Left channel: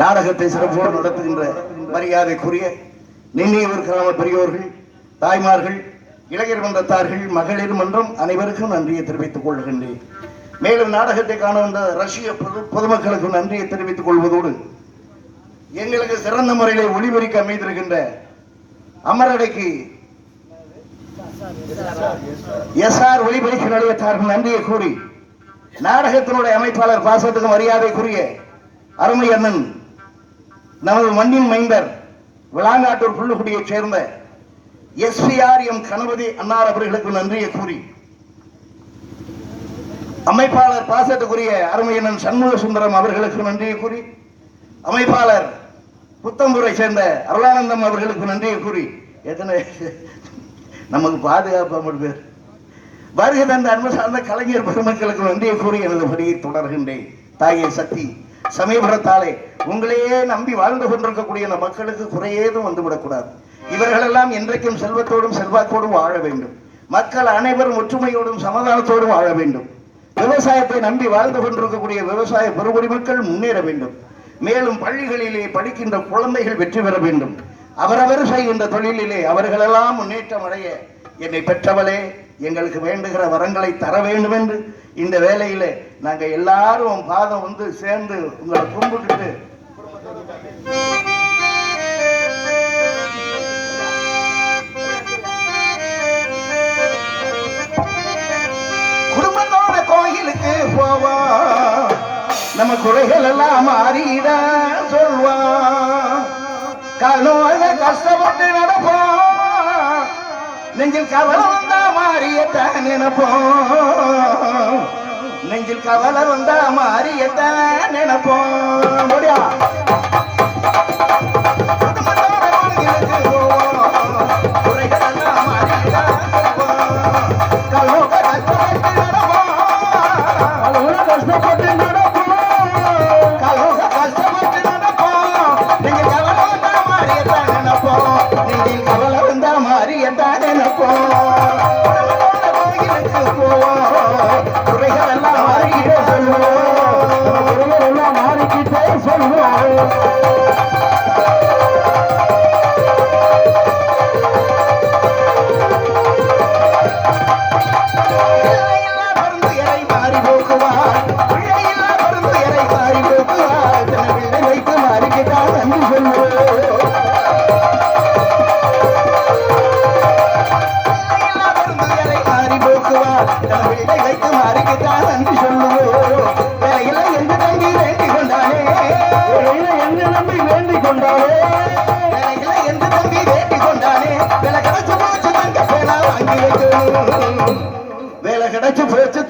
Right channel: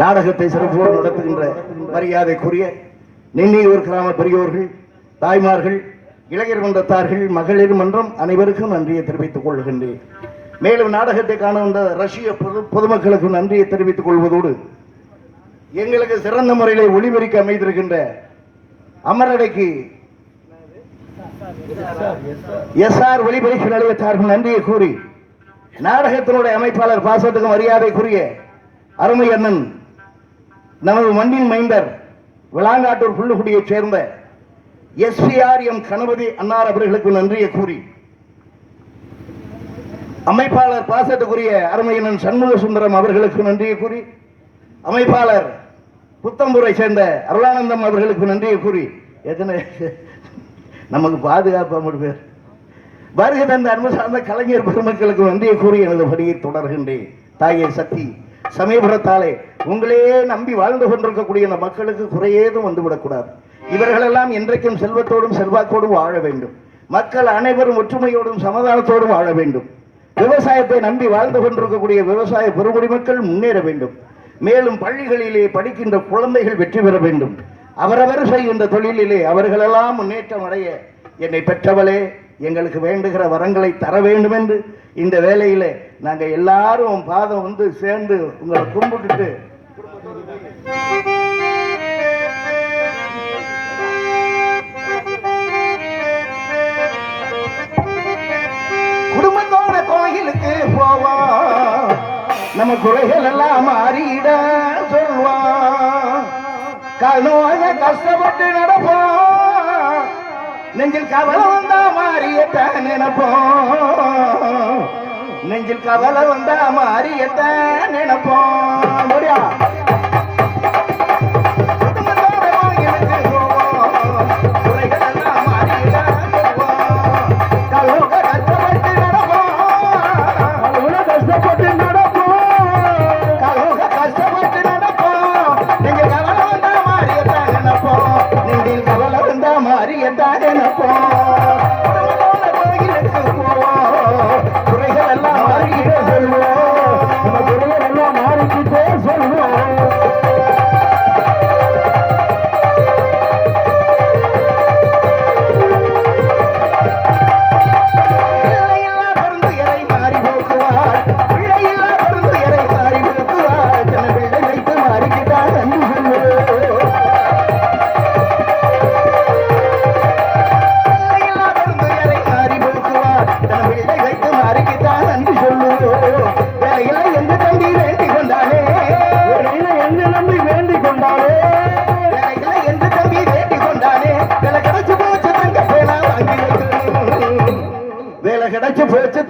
நாடகத்தை சிறப்போடு நடத்துகின்ற மரியாதைக்குரிய நெல்லியூர் கிராம பெரியோர்கள், தாய்மார்கள், இளைஞர் மன்றத்தார்கள், மகளிர் மன்றம் அனைவருக்கும் நன்றியை தெரிவித்துக் கொள்கின்றேன். மேலும் நாடகத்தை காண வந்த ரஷ்ய பொதுமக்களுக்கு நன்றியை தெரிவித்துக் கொள்வதோடு எங்களுக்கு சிறந்த முறையிலே ஒளிபரிக்க அமைந்திருக்கின்ற அமரடைக்கு SR ஒளிபரிப்பு நிலையத்தார்கள் நன்றியை கூறி நாடகத்தினுடைய அமைப்பாளர் பாசத்துக்கு மரியாதைக்குரிய அருமை அண்ணன் நமது மண்ணின் மைந்தர் விளாங்காட்டூர் புல்லுக்குடியைச் சேர்ந்த SPRM கணபதி அன்னார் அவர்களுக்கு நன்றியை கூறி அமைப்பாளர் பாசத்துக்குரிய அருமையண்ணன் சண்முக சுந்தரம் அவர்களுக்கு நன்றியை கூறி அமைப்பாளர் புத்தம்பூரை சேர்ந்த அருளானந்தம் அவர்களுக்கு நன்றியை கூறி எத்தனை நமக்கு பாதுகாப்பு பேர் வருகை தந்த அன்பு சார்ந்த கலைஞர் பெருமக்களுக்கு நன்றியை கூறி எனது படியை தொடர்கின்றேன். தாயை சக்தி சமயபுரத்தாலே உங்களே நம்பி வாழ்ந்து கொண்டிருக்கக்கூடிய இந்த மக்களுக்கு குறையேதும் வந்துவிடக்கூடாது. இவர்களெல்லாம் என்றைக்கும் செல்வத்தோடும் செல்வாக்கோடும் வாழ வேண்டும். மக்கள் அனைவரும் ஒற்றுமையோடும் சமாதானத்தோடும் வாழ வேண்டும். விவசாயத்தை நம்பி வாழ்ந்து கொண்டிருக்கக்கூடிய விவசாய பெருங்குடி மக்கள் முன்னேற வேண்டும். மேலும் பள்ளிகளிலே படிக்கின்ற குழந்தைகள் வெற்றி பெற வேண்டும். அவரவர் செய்கின்ற தொழிலிலே அவர்களெல்லாம் முன்னேற்றம் அடைய என்னை பெற்றவளே எங்களுக்கு வேண்டுகிற வரங்களை தர வேண்டும் என்று இந்த வேலையிலே நாங்கள் எல்லாரும் பாதம் வந்து சேர்ந்து உங்களை கும்பிட்டுட்டு குடும்பத்தோட கோயிலுக்கு போவோம். நம்ம குறைகள் எல்லாம் மாறிட சொல்வான். கழுவாக கஷ்டப்பட்டு நடப்போம். நெஞ்சில் கவலை வந்தா மாறியத்தான் நினைப்போம். நெஞ்சில் கவலை வந்தா மாறியத்த நினைப்போம்.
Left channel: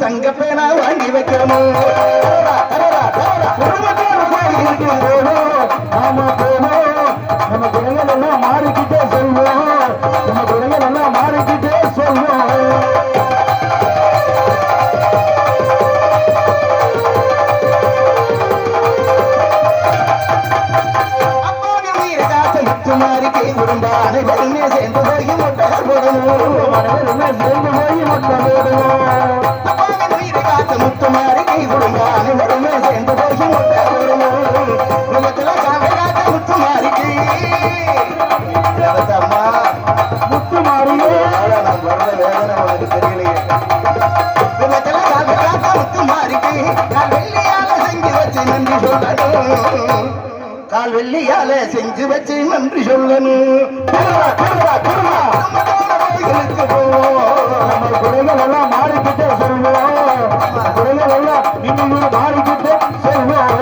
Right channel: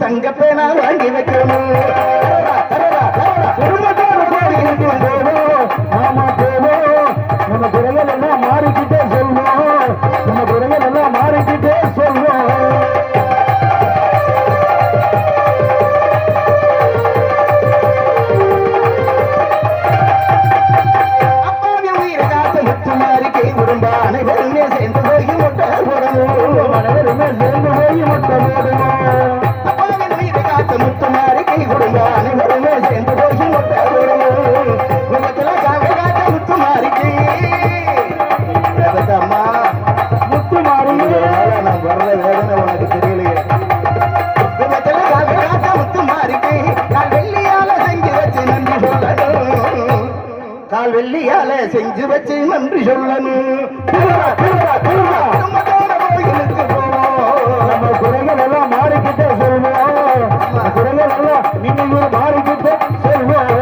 தங்க பேனா வாங்கி வைக்கணும். ஆமா போவோம். நம்ம குரங்கள் எல்லாம் மாறிக்கிட்டே சொல்வோம். நம்ம குரங்கள் எல்லாம் மாறிக்கிட்டே சொல்வோம். அப்பாவின் உயிரை காத்து முத்து மாறி கை விரும்ப அனைவருமே சேர்ந்து போய் முட்டை போடணும். அனைவருமே சேர்ந்து போய் முட்டை போடணும். முத்துமாரி கை கொடுங்க அனைவருமே சேர்ந்து போய் முட்டை போடணும். முகத்துல காவை காட்ட முத்துமாரிக்கு அம்மா முத்துமாரி நான் வர்ற வேதனை உனக்கு தெரியலையே. முகத்துல காவை காட்ட முத்துமாரிக்கு நான் வெள்ளியால செஞ்சு வச்சு நன்றி சொல்லணும். கால் வெள்ளியால செஞ்சு வச்சு நன்றி சொல்லணும். கோயிலுக்கு போவோம். நம்ம குறைகள் எல்லாம் மாறிக்கிட்டே சொல்லுவோம். குறைகள் எல்லாம் நீங்க மாறிக்கிட்டே சொல்லுவோம்.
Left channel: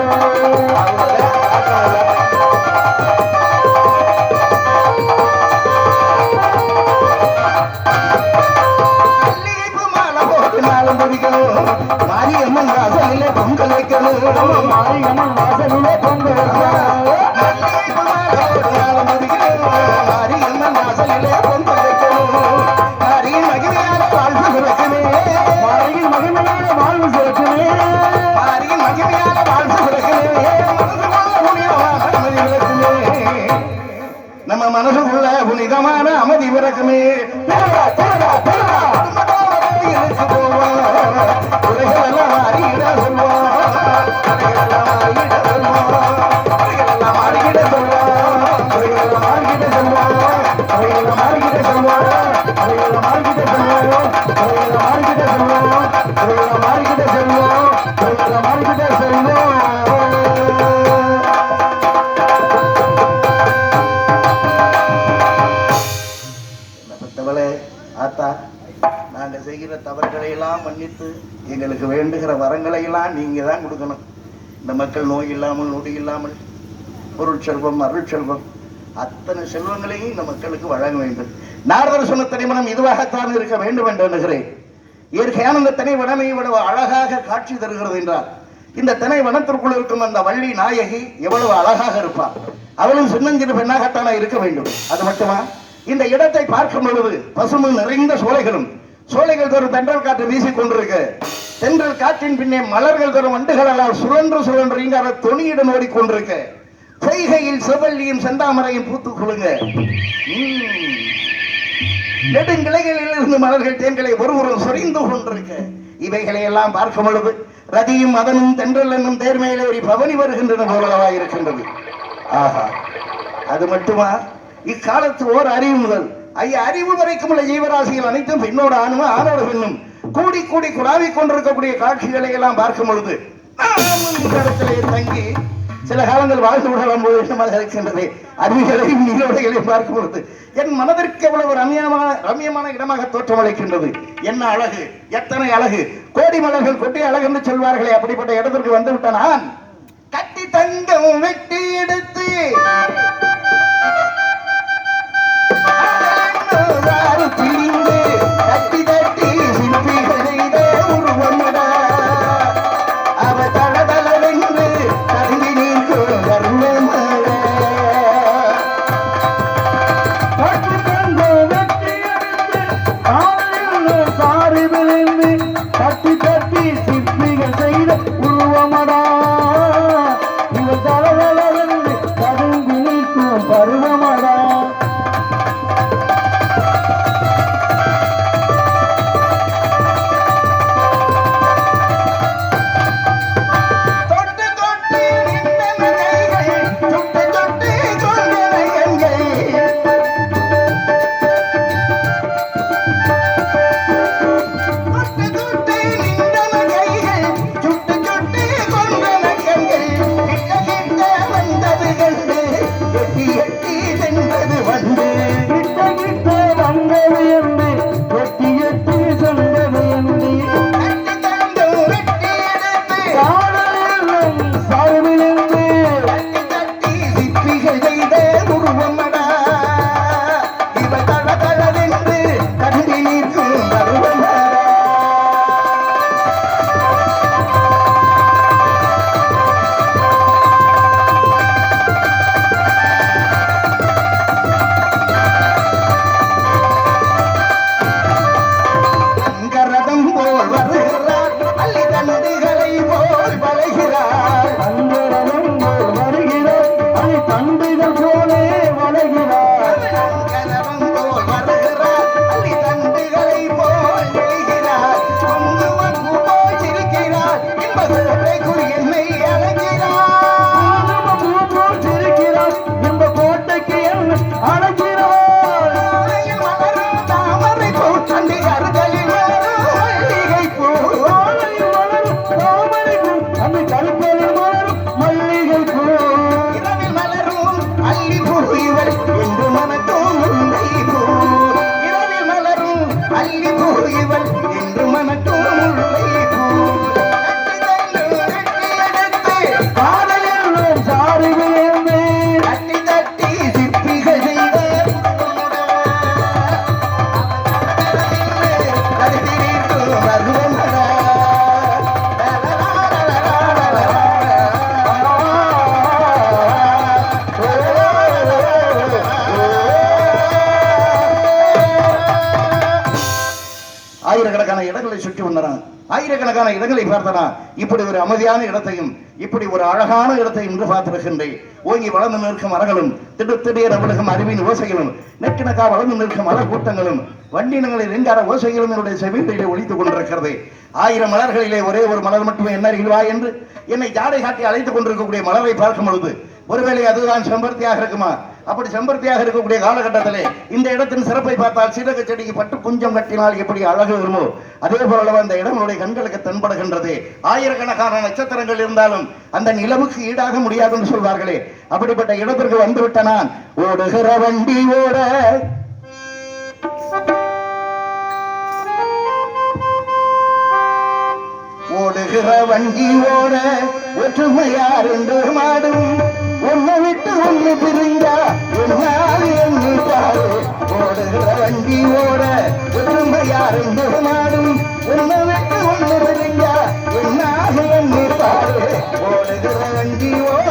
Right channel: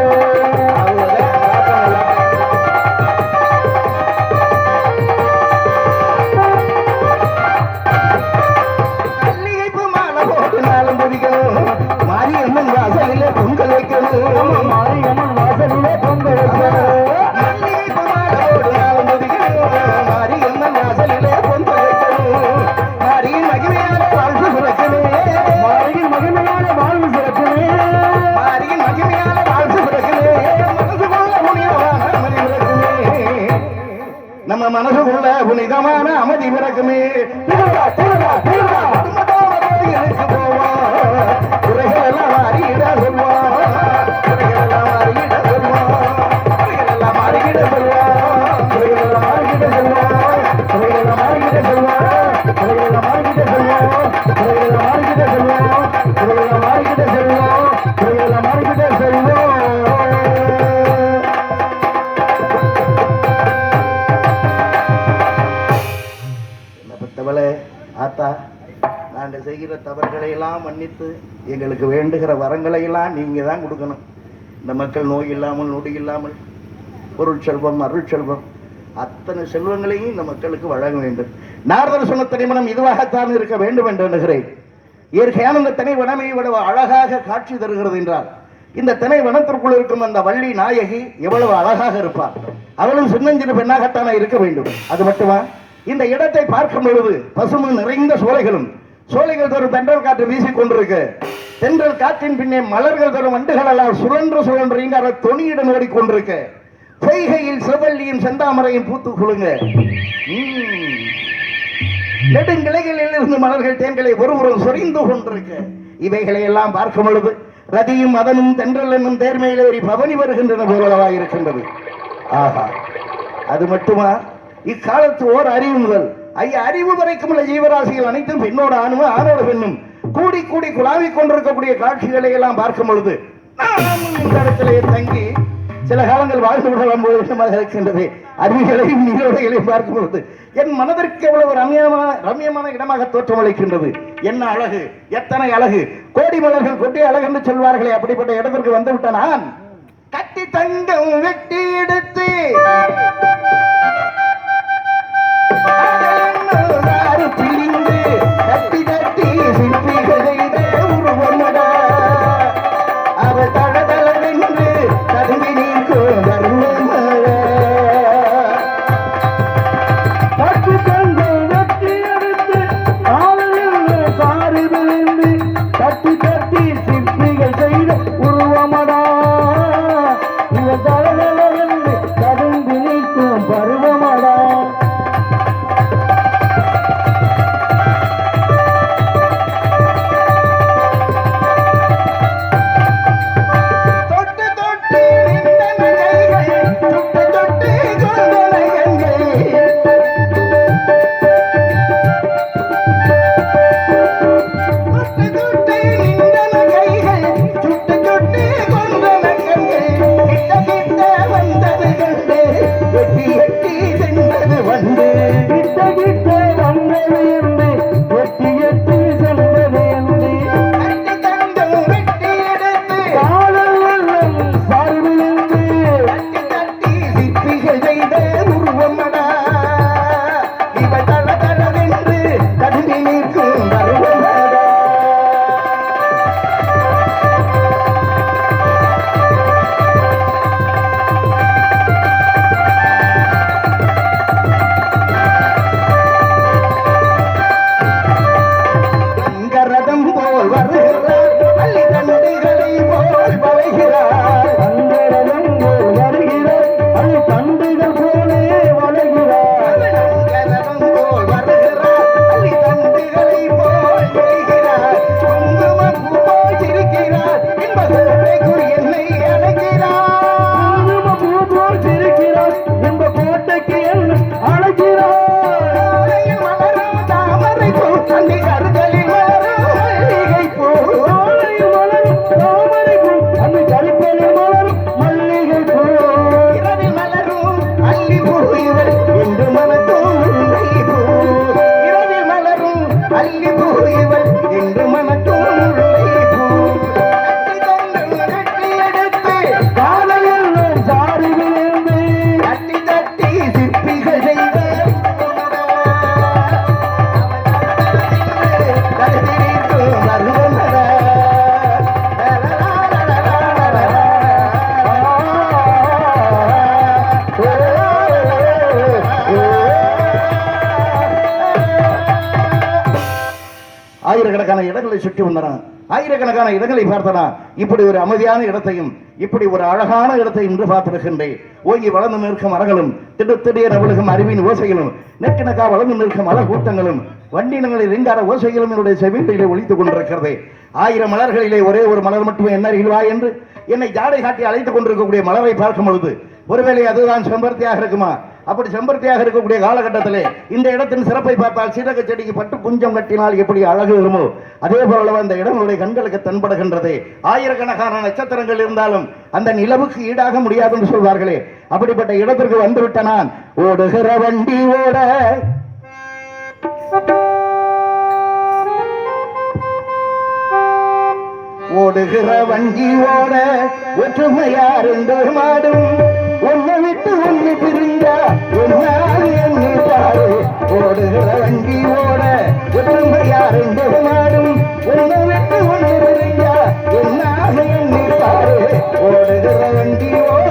மாரியம்மன் வாசலிலே பொங்கல் வைக்கணும். மாரியம்மன் வாசலிலே பொங்கல் வைக்கணும். மாரியம்மன் வாசலிலே பொங்கல் வைக்கணும். மாரியின் மகிமையான வாழ்வு சுரக்கமே. மாரியின் மகிமையான வாழ்வு சுரக்கமே. மாரியின் மகிமையான வாழ்வு சுரக்கமே. நம்ம மனசுக்குள்ள புனிதமான அமைதி பிறக்குமே. நாங்கள் செய்கிற தவறுகளை எல்லாம் மன்னித்து எங்களுக்கு வேண்டுகிற வரங்களை எல்லாம் நீங்க தான் கொடுக்கணும். இந்த மக்கள் நோய் இல்லாமல் நொடி இல்லாமல் பொருள் செல்வம் அருள் செல்வம் அத்தனை செல்வங்களையும் இந்த மக்களுக்கு வழங்க வேண்டும். நாரதர் சொன்ன தனிமனம் இதுவாகத்தான் இருக்க வேண்டும் என்று எண்ணுகிறேன். இயற்கையான இந்த திணைவனமே இவ்வளவு அழகாக காட்சி தருகிறது என்றால் இந்த திணைவனத்திற்குள் இருக்கும் அந்த வள்ளி நாயகி எவ்வளவு அழகாக இருப்பார். அவளும் சின்னஞ்சிறு பெண்ணாகத்தானே இருக்க வேண்டும். அது மட்டுமா, இந்த இடத்தை பார்க்கும் பொழுது பசுமை நிறைந்த சோலைகளும் சோலைகள் தரும் தென்றல் காற்று வீசிக் கொண்டிருக்கு. தென்றல் காற்றின் பின்னே மலர்கள் தரும் வண்டுகளெல்லாம் சுழன்று சுழன்று இங்க அவர் தொனியிடம் ஓடிக்கொண்டிருக்க. பொய்கையில் செவ்வல்லியும் செந்தாமரையும் பூத்து குழுங்க. நெடுங்கிளைகளில் இருந்து மலர்கள் தேன்களை ஒருவரும் சொரிந்து கொண்டிருக்க. இவைகளை எல்லாம் பார்க்கும் பொழுது ரதியும் மதனும் தென்றல் என்னும் தேர்மையிலேறி பவனி வருகின்றன போலவா இருக்கின்றது. ஆஹா, அது மட்டுமா, இக்காலத்து ஓர் அறிவு முதல் அறிவு வரைக்கும் உள்ள ஜீவராசிகள் அனைத்தும் பெண்ணோட ஆணும் ஆணோட பெண்ணும் கூடி கூடி குழாவிக் கொண்டிருக்கக்கூடிய காட்சிகளை எல்லாம் பார்க்கும் பொழுது இடத்திலே தங்கி சில காலங்கள் வாழ்ந்து விடலாம் போது இருக்கின்றது. அருவிகளையும் நீரோடைகளையும் பார்க்கும் பொழுது என் மனதிற்கு எவ்வளவு ரம்யமான இடமாக தோற்றமளிக்கின்றது. என்ன அழகு, எத்தனை அழகு! கோடி மலர்கள் கொட்டி அழகு என்று சொல்வார்களே, அப்படிப்பட்ட இடத்திற்கு வந்துவிட்ட நான் கட்டி தங்கம் வெட்டி எடுத்து கட்டி தட்டி சிற்பிகளை உருவம் நூற்றுக்கணக்கான இடங்களை சுற்றி வந்தான், ஆயிரக்கணக்கான இடங்களை பார்த்தனா. இப்படி ஒரு அமைதியான இடத்தையும் இப்படி ஒரு அழகான இடத்தையும் இன்று பார்த்திருக்கின்றேன். ஓங்கி வளர்ந்து நிற்கும் மரங்களும் திடீர் அவளுக்கும் அறிவின் ஓசைகளும் நெக்கணக்கா வளர்ந்து நிற்கும் மல கூட்டங்களும் வண்டினங்களில் எங்கார ஓசைகளும் என்னுடைய செவிகளிலே ஒழித்துக் கொண்டிருக்கிறது. 1000 மலர்களிலே ஒரே ஒரு மலர் மட்டுமே என்ன இல்வா என்று என்னை ஜாடை காட்டி அழைத்துக் கொண்டிருக்கக்கூடிய மலரை பார்க்கும் பொழுது ஒருவேளை அதுதான் செம்பருத்தியாக இருக்குமா? அப்படி செம்பருத்தியாக இருக்கக்கூடிய காலகட்டத்திலே இந்த இடத்தின் சிறப்பை பார்த்தால் சீரக செடிக்கு பட்டு குஞ்சம் கட்டினால் எப்படி அழகு வருமோ அதே போல அந்த இடங்களுடைய கண்களுக்கு தென்படுகின்றது. ஆயிரக்கணக்கான நட்சத்திரங்கள் இருந்தாலும் அந்த நிலவுக்கு ஈடாக முடியாது என்று சொல்வார்களே, அப்படிப்பட்ட இடத்திற்கு வந்துவிட்ட நான் ஓடுகிற வண்டி ஓட ஓடுகிற வண்டி ஓட ஒற்றுமையார் மாடும் ஒன்னை விட்டு ஒன்று பிரிந்தா என்ன பாரு. ஓடுகிற வண்டி ஓட ஒற்றுமையார் மாடும் ஒன்னை விட்டு ஒன்று பிரிந்தா என்ன பாரு. ஓடுகிற வண்டி ஓட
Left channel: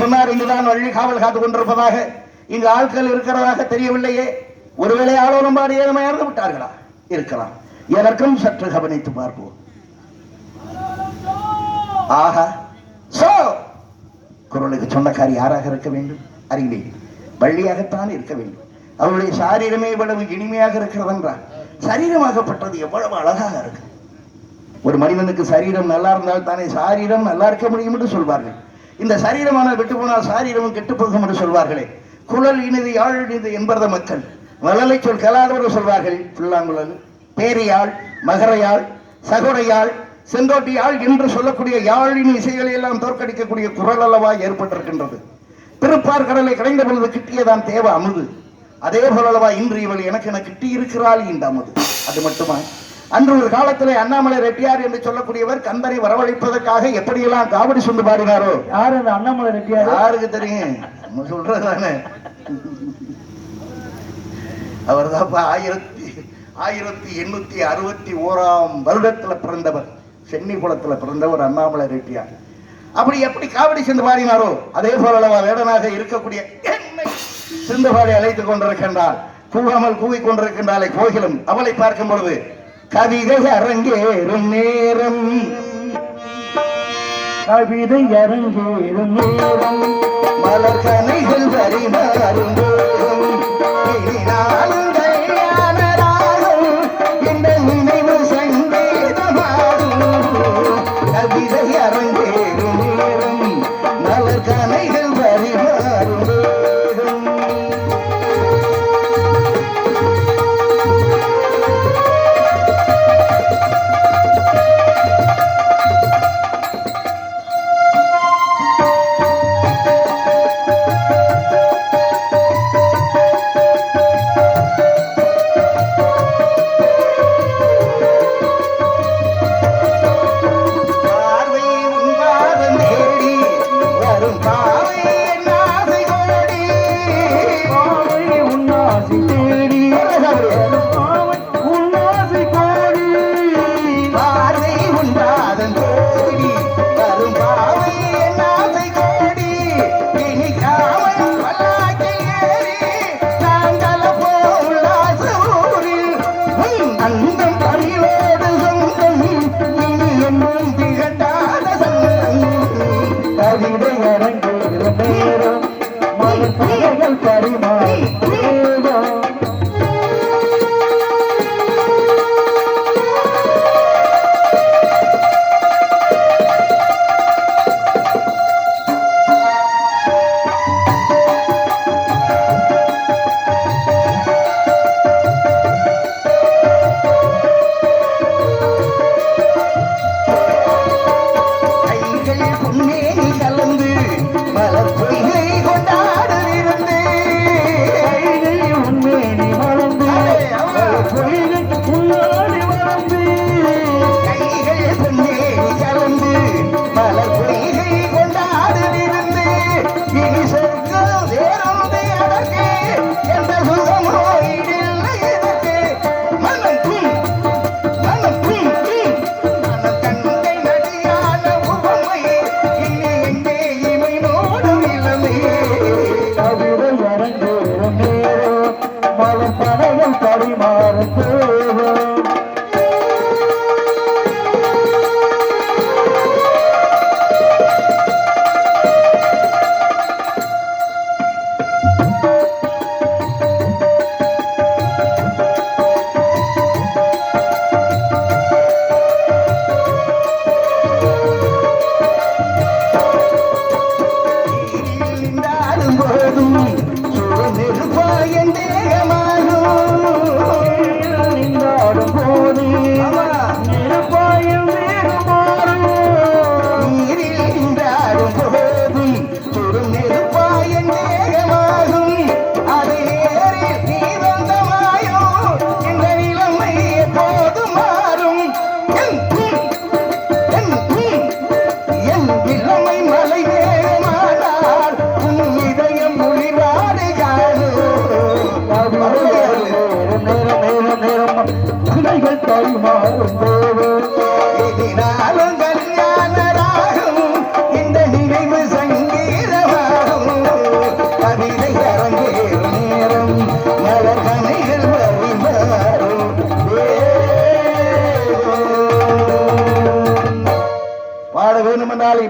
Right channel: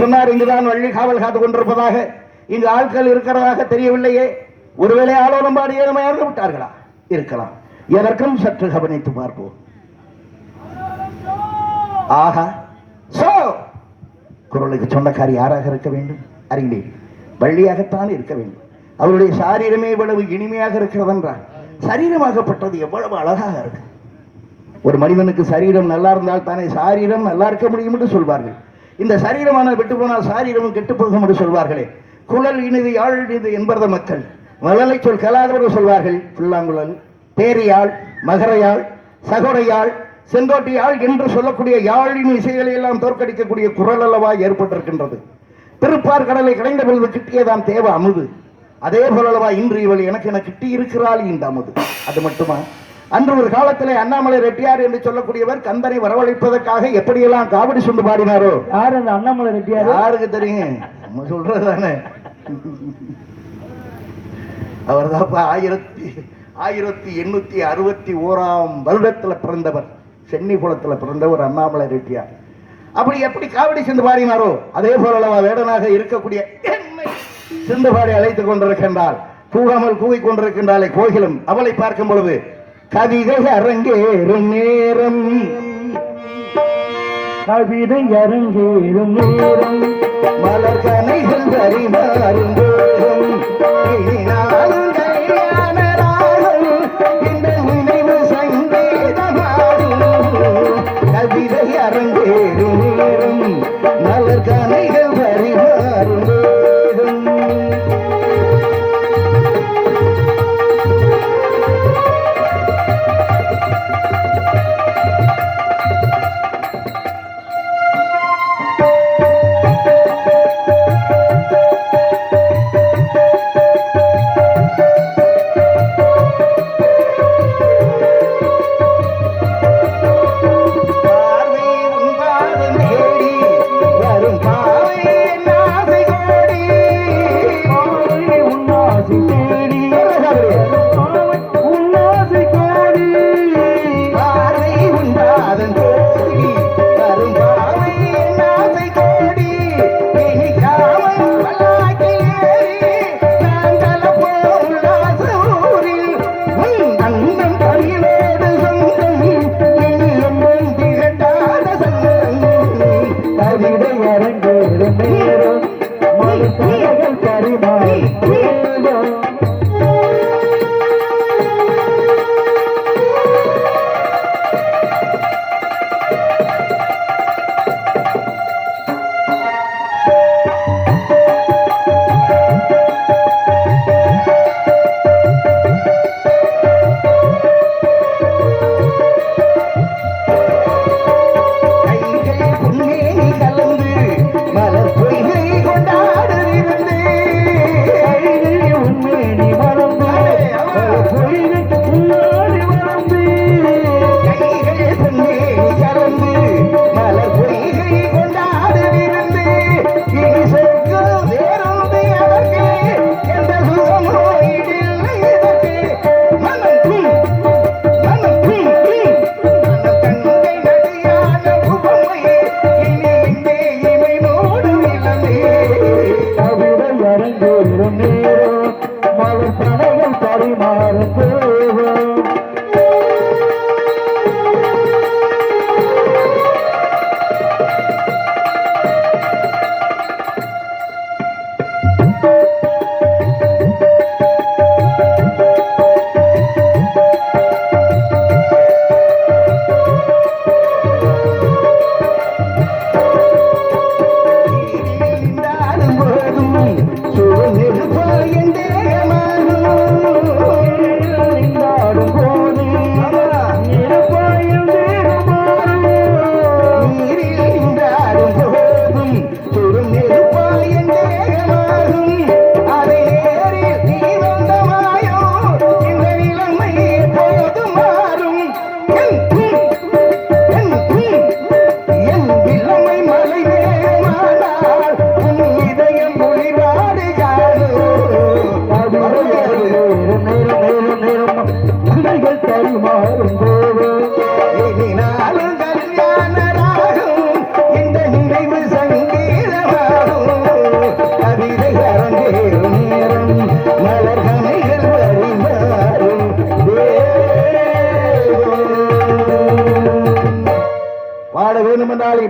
சொன்னார். இங்குதான் வள்ளி காவல் காத்துக் கொண்டிருப்பதாக, இங்கு ஆட்கள் இருக்கிறதாக தெரியவில்லையே. ஒருவேளை ஆளோடும்பாடு ஏழ்மையாக விட்டார்களா? இருக்கலாம். எதற்கும் சற்று கவனித்து பார்ப்போம். ஆஹா, குரலுக்கு சொன்னக்காரி யாராக இருக்க வேண்டும்? அறிந்தேன், வள்ளியாகத்தான் இருக்க வேண்டும். அவருடைய சாரீரமே இவ்வளவு இனிமையாக இருக்கிறது என்றால் சரீரமாகப்பட்டது எவ்வளவு அழகாக இருக்கு. ஒரு மனிதனுக்கு சரீரம் நல்லா இருந்தால் தானே சாரீரம் நல்லா இருக்க முடியும் என்று சொல்வார்கள். இந்த சரீரமான விட்டு போனால் சாரீரமும் கெட்டு போகும் என்று சொல்வார்களே. குழல் இனிது யாழ் இனிது என்பது மக்கள் மழலை சொல் கலாதோடு சொல்வார்கள். புல்லாங்குழல், பேரியாழ், மகரையாள், சகோடையாள், செங்கோட்டையாள் என்று சொல்லக்கூடிய யாழின் இசைகளை எல்லாம் தோற்கடிக்கக்கூடிய குரல் அல்லவா ஏற்பட்டிருக்கின்றது. திருப்பார் கடலை கடைந்த பொழுது கிட்டியதான் தேவ அமுது. அதே போலவா இன்று இவள் எனக்கு என கிட்டி இருக்கிறாள் இந்த அமுது. அது மட்டுமா, அன்று ஒரு காலத்திலே அண்ணாமலை ரெட்டியார் என்று சொல்லக்கூடியவர் கந்தனை வரவழைப்பதற்காக எப்படியெல்லாம் காவடி சொந்து பாடினாரோ. யார் அந்த அண்ணாமலை ரெட்டியார்? யாருக்கு தெரியுங்க? சொல்றதானே, அவர் தான் 1861 வருடத்தில் பிறந்தவர். சென்னிபுரத்தில் பிறந்தவர் அண்ணாமலை ரெட்டியார். அப்படி எப்படி காவடி சென்று பாடினாரோ அதே போலவா வேடனாக இருக்கக்கூடிய சிந்தபாடி அழைத்துக் கொண்டிருக்கின்றார். கூவாமல் கூவிக் கொண்டிருக்கின்றாலே கோகிலும். அவளை பார்க்கும் பொழுது கவிதை அரங்கேறும் நேரம், கவிதை அரங்கேறும் நேரம், மலர் கனிகள் பரிமாறும் போதும் இந்த நினைவு சங்கீதமாகும். கவிதை அரங்கேறும் நேரம், மலர் கனிகள் பரிமாறும் போதும்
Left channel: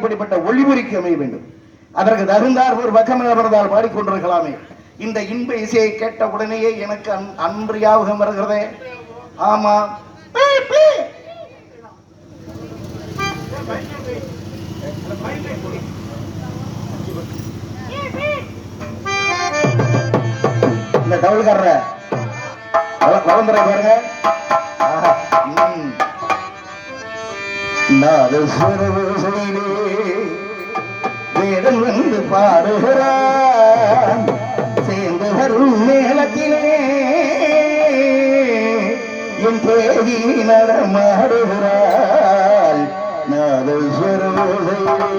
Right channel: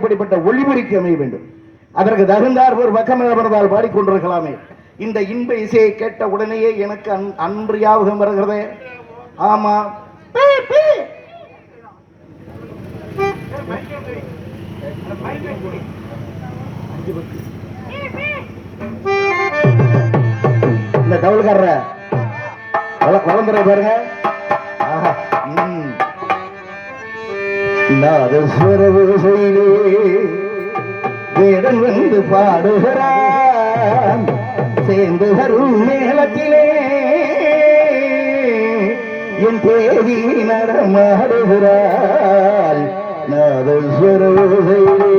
எப்படிப்பட்ட ஒளிபெருக்கி அமைய வேண்டும். அதற்கு தகுந்தார் ஒரு பக்கமேற்பதால் பாடிக்கொண்டிருக்கலாமே. இந்த இன்ப இசையை கேட்ட உடனேயே எனக்கு அன்று ஞாபகம் வருகிறதே. ஆமா, இந்த தவளுக்காரர குழந்தை பாருங்க. வேடன் வந்து பாடுகிறான் சேர்ந்து வரும் நேரத்திலே என் தேவி நடமாடுகிறாள் நாதஸ்வரோசையிலே.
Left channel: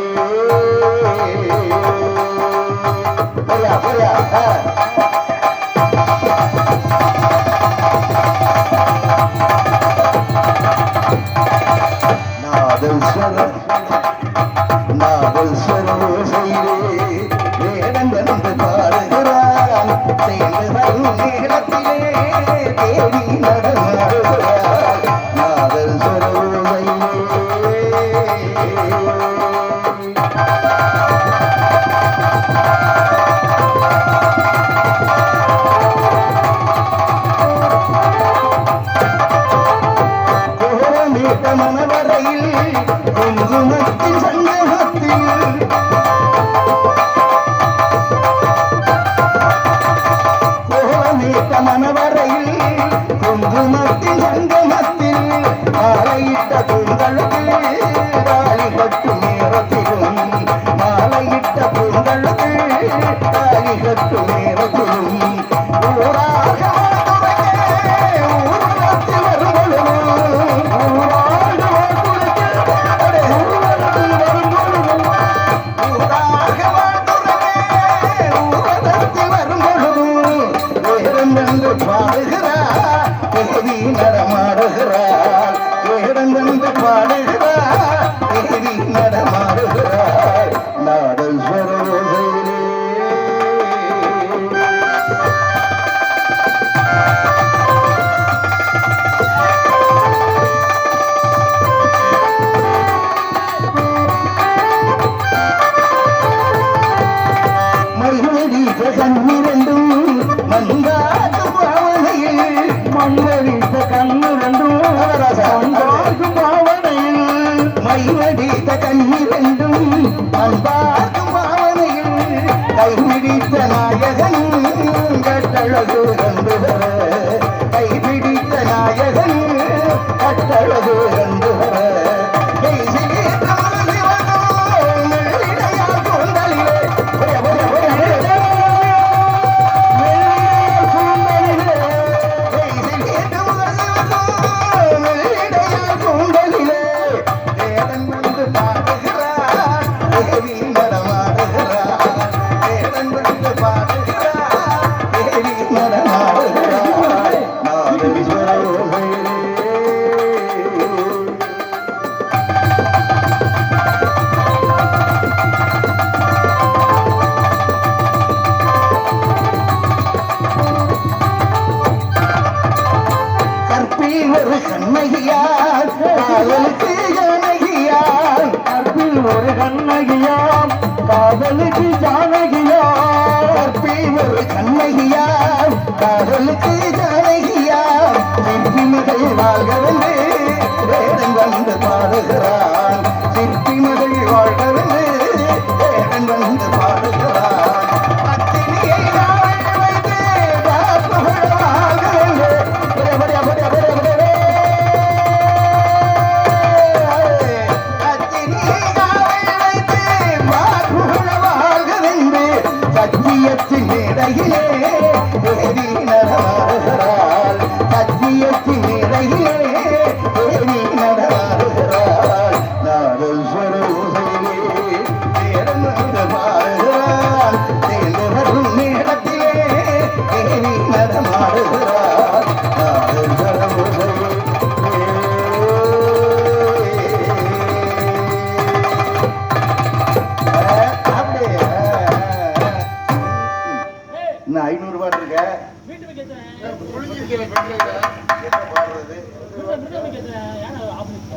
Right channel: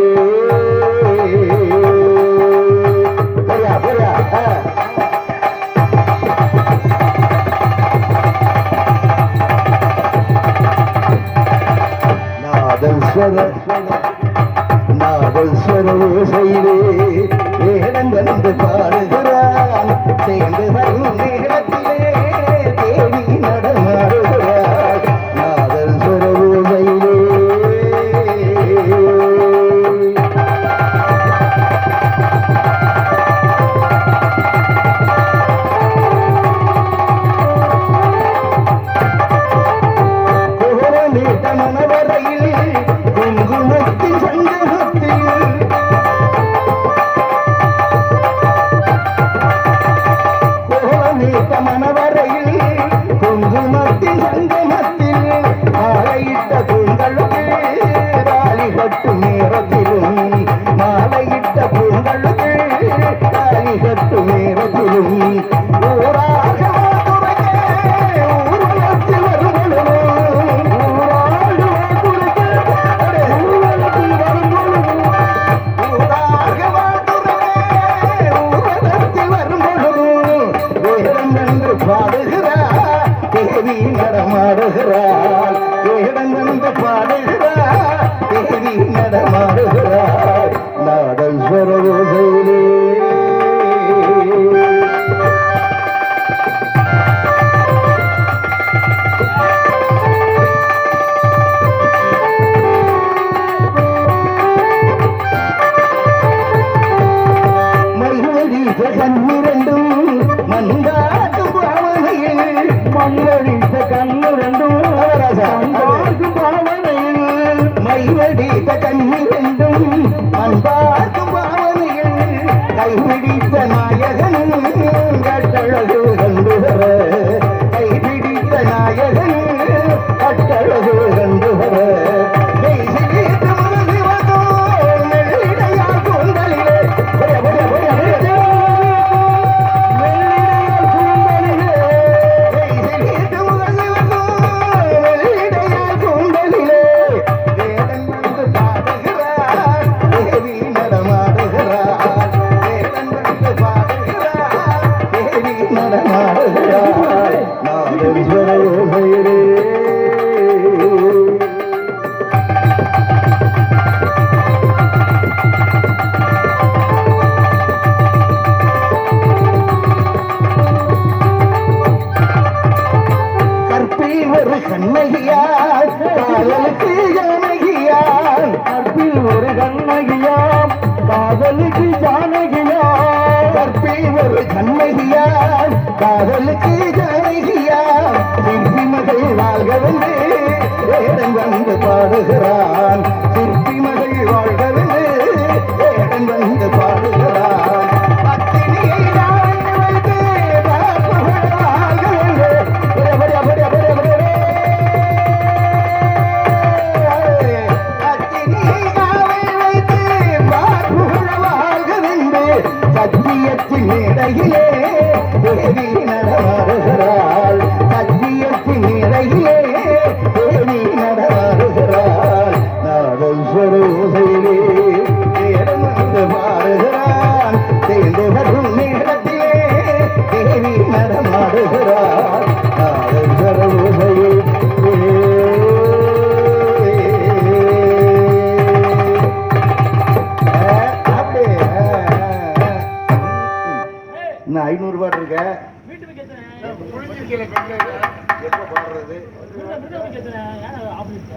நாதஸ்வரோசையிலே வேடன் வந்து பாடுகிறான் சேர்ந்து வரும் நேரத்திலே தேவி நடமாடுகிறாள் நாதஸ்வரோசையிலே.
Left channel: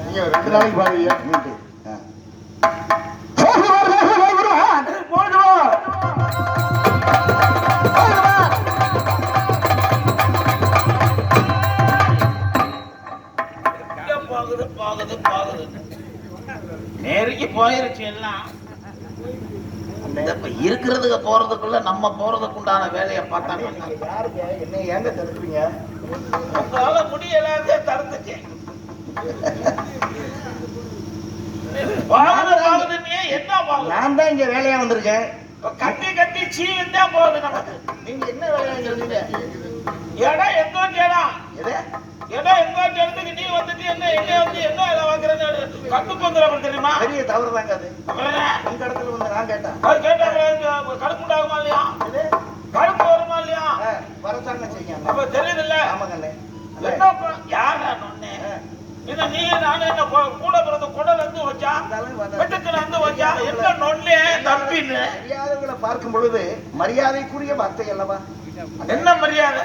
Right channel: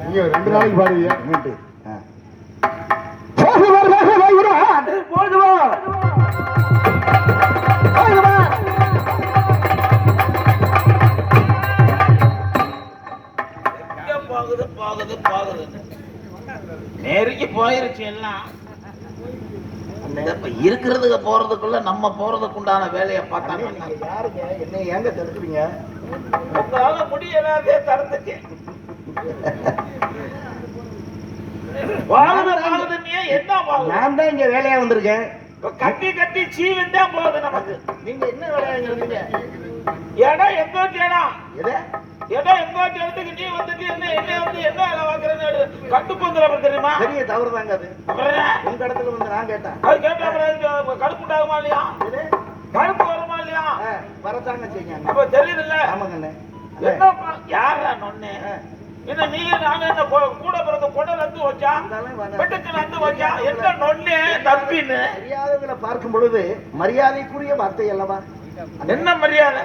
நீங்க 2 நாளைக்கு பாருங்க. போகுது போகுது போகுது நெருங்கி போயிருச்சு எல்லாம். இப்ப இருக்கிறதுக்கு போறதுக்குள்ள நம்ம போறதுக்கு உண்டான வேலையை பார்த்தாங்க. யாருங்க என்ன ஏங்க தடுக்கிறீங்க? உங்களால முடியலாதே தடுத்துட்டேன். வாகுது வாகுதுன்னே என்ன வாகுது? நான் தான் இங்க வேலையா வந்திருக்கேன். கட்டி கட்டி சீவன் தான் போகுது நமக்கு. நீங்க என்ன வேலையா இருந்தீங்க? இடம் எங்க இடம் எது? இடம் எங்க இடத்துக்கு நீ வந்துட்டு என்ன வந்து என்ன வேலை வாங்குறேன்னு கட்டு போந்துறவன் தெரியுமா? பெரிய தவறு தாங்க அது. உங்க இடத்துல வந்து நான் கேட்டேன். அது கேட்டா கடுப்பு உண்டாகுமா இல்லையா? கடுப்பு வருமா இல்லையா? வரத்தாங்க செய்யுங்க. அப்ப தெரியுது இல்ல? ஆமாங்கண்ணே. என்னப்பா யாரா நொண்ணே? என்ன நீ நானே என்ன கூட பிறந்த குடல் வந்து வச்சா வெட்டுக்கள் வந்து வச்சா என்ன நொண்ணே தப்பின்னு மரியாதைகளை பார்க்கும் பொழுது மரியாதைக்குரிய வார்த்தை அல்லவா? என்ன மரியாதை?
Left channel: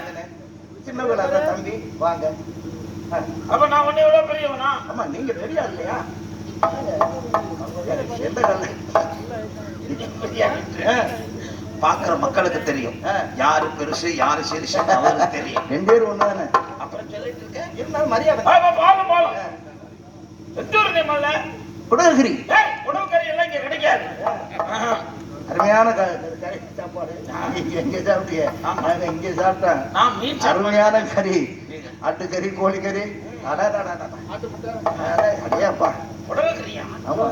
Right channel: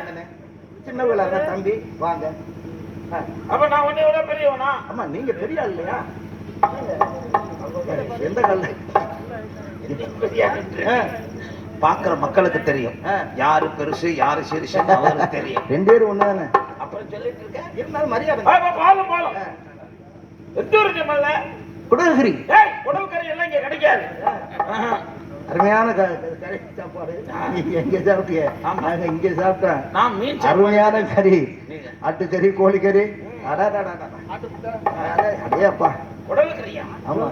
சின்னவர்களாக தம்பி வாங்க. அப்ப நான் உன்னை விட பெரியவனா? ஆமா நீங்க பெரிய ஆள் இல்லையா? எந்த கால பாக்குற மக்களுக்கு தெரியும் யாரு பெருசு யாரு சிறுசு அவருக்கு தெரியும். ரெண்டு பேரும் ஒண்ணானே. அப்புறம் சொல்லிட்டு இருக்கேன் இருந்தாலும் மரியாதை. பாலம் பாலம் எந்த ஒரு நம்மள குடல்கிரி குடல் கறி எல்லாம் இங்க கிடைக்காது. அருமையான கறி சாப்பாடு. நீங்க எங்க சாப்பிட்டீங்க? நாங்க இங்க சாப்பிட்டோம். நான் மீன் அருமையான கறி, ஆட்டுக்கறி, கோழிக்கறி. அடையாப்பா குடல் கறியா? ஆமா.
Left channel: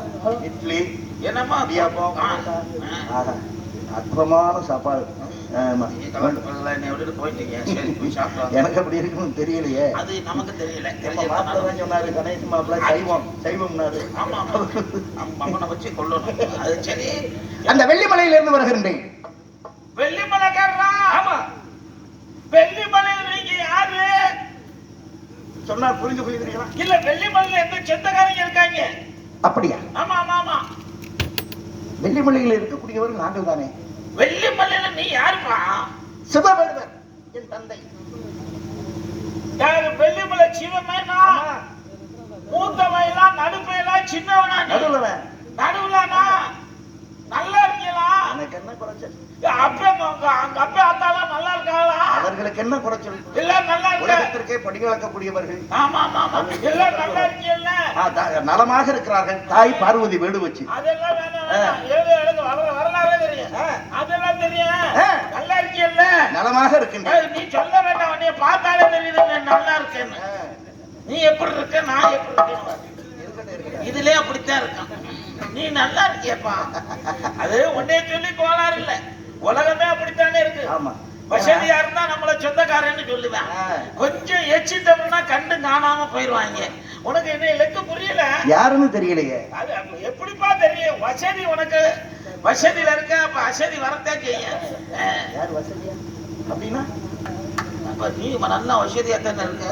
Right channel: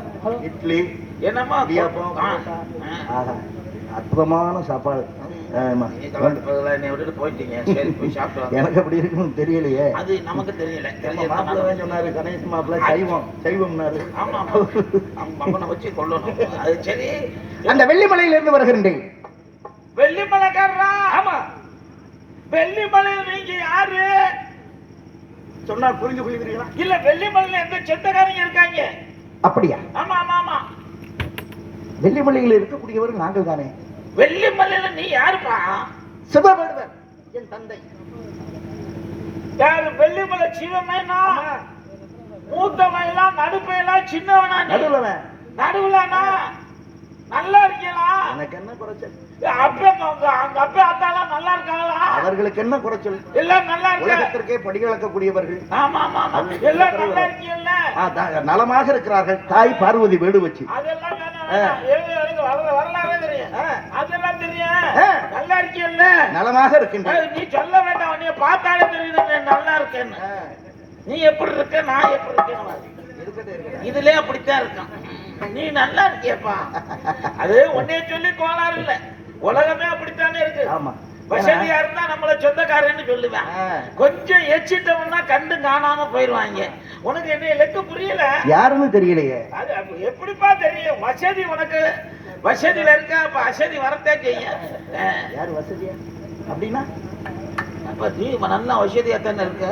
இட்லி என்னம்மா இடியாப்பம். அற்புதமான சாப்பாடு. போயிட்டீங்க. சரி போய் சாப்பிட்டோம். எனக்கு அப்படி இருக்குன்னு தெரியலையே. அது நமக்கு தெரியல. சொன்னாரு கணேஷ் மாப்பிள்ள சைவம் சைவம்னாரு. ஆமா வச்சு கொள்ளணும். அது சரி. அந்த வெள்ளிமலையில இருந்து வருகின்றேன். வெள்ளிமலைக்காரரா? ஆமா. வெள்ளிமலையில நீங்க யாரு சொன்னா புரிந்து கொள்கிறீங்களா? இல்ல வெள்ளிமலையில எந்த சொந்தக்காரங்க இருக்காங்க? அப்படியா? ஆமா ஆமா ஆமா. வெள்ளிமலையில் இருக்கக்கூடியவர்கள் நாங்கள் தானே. வெள்ளிமலையில நீ யாருப்பா? சிவபெருமன் என் தந்தை. யாரு? வெள்ளிமலை சிவமேனா? மூத்தவனா நடுப்பையில சின்னவனா? நடுவன். நடுவுலனா? நல்லா இருக்கீங்களா? எனக்கு என்ன குறைச்சல்? அங்க அப்பா அத்தாலாம் நல்லா இருக்காங்களா? அவர்களுக்கு என்ன குறைச்சல்? இல்ல நல்லா இருக்க. உலகத்திற்கே படிகளக்கக்கூடியவர்கள். ஆமா ஆமா ஆமா. இல்ல நல்லா இருக்கீல்ல? நலமாக இருக்கிறார்கள். தாய் பார்வதி வீடு வச்சு. அதெல்லாம் வேணாம். எழுது வரலாறு தெரியும். அதெல்லாம் தெரியும். நல்லா இருக்கீல்ல? நலமாக இருக்கின்றேன். நீ சொல்ல வேண்டாம். நீ பார்த்தாலே தெரியுது நீ நல்லா இருக்கேன்னு. நீ எப்படி இருக்க நான் எப்படி இருக்கேன் இதுலயே அப்படித்தான் இருக்கான். நீ நல்லா இருக்கியப்பா. அது உன்னைய சொல்லி கோளாறு இல்ல. உலகமே அப்படித்தானே இருக்கு. ஆமா. வசதியா இருந்தா நம்மள சொந்தக்காரன்னு சொல்லுவேன். கொஞ்சம் எச்சிட்டவனா கண்டு காணாம போயிருவாங்க. உனக்கு என்ன இலக்கு புரியல? யாருன்னு தெரியலையே. அது எப்படிப்பா தெரியும்? வசதி உனக்கு வசதியில இருக்க. அப்ப வசதி வரத்தே செய்ய. யார் வசதியா அப்படின்னா? அப்ப நீ நல்லா வசதியா தானே இருக்க.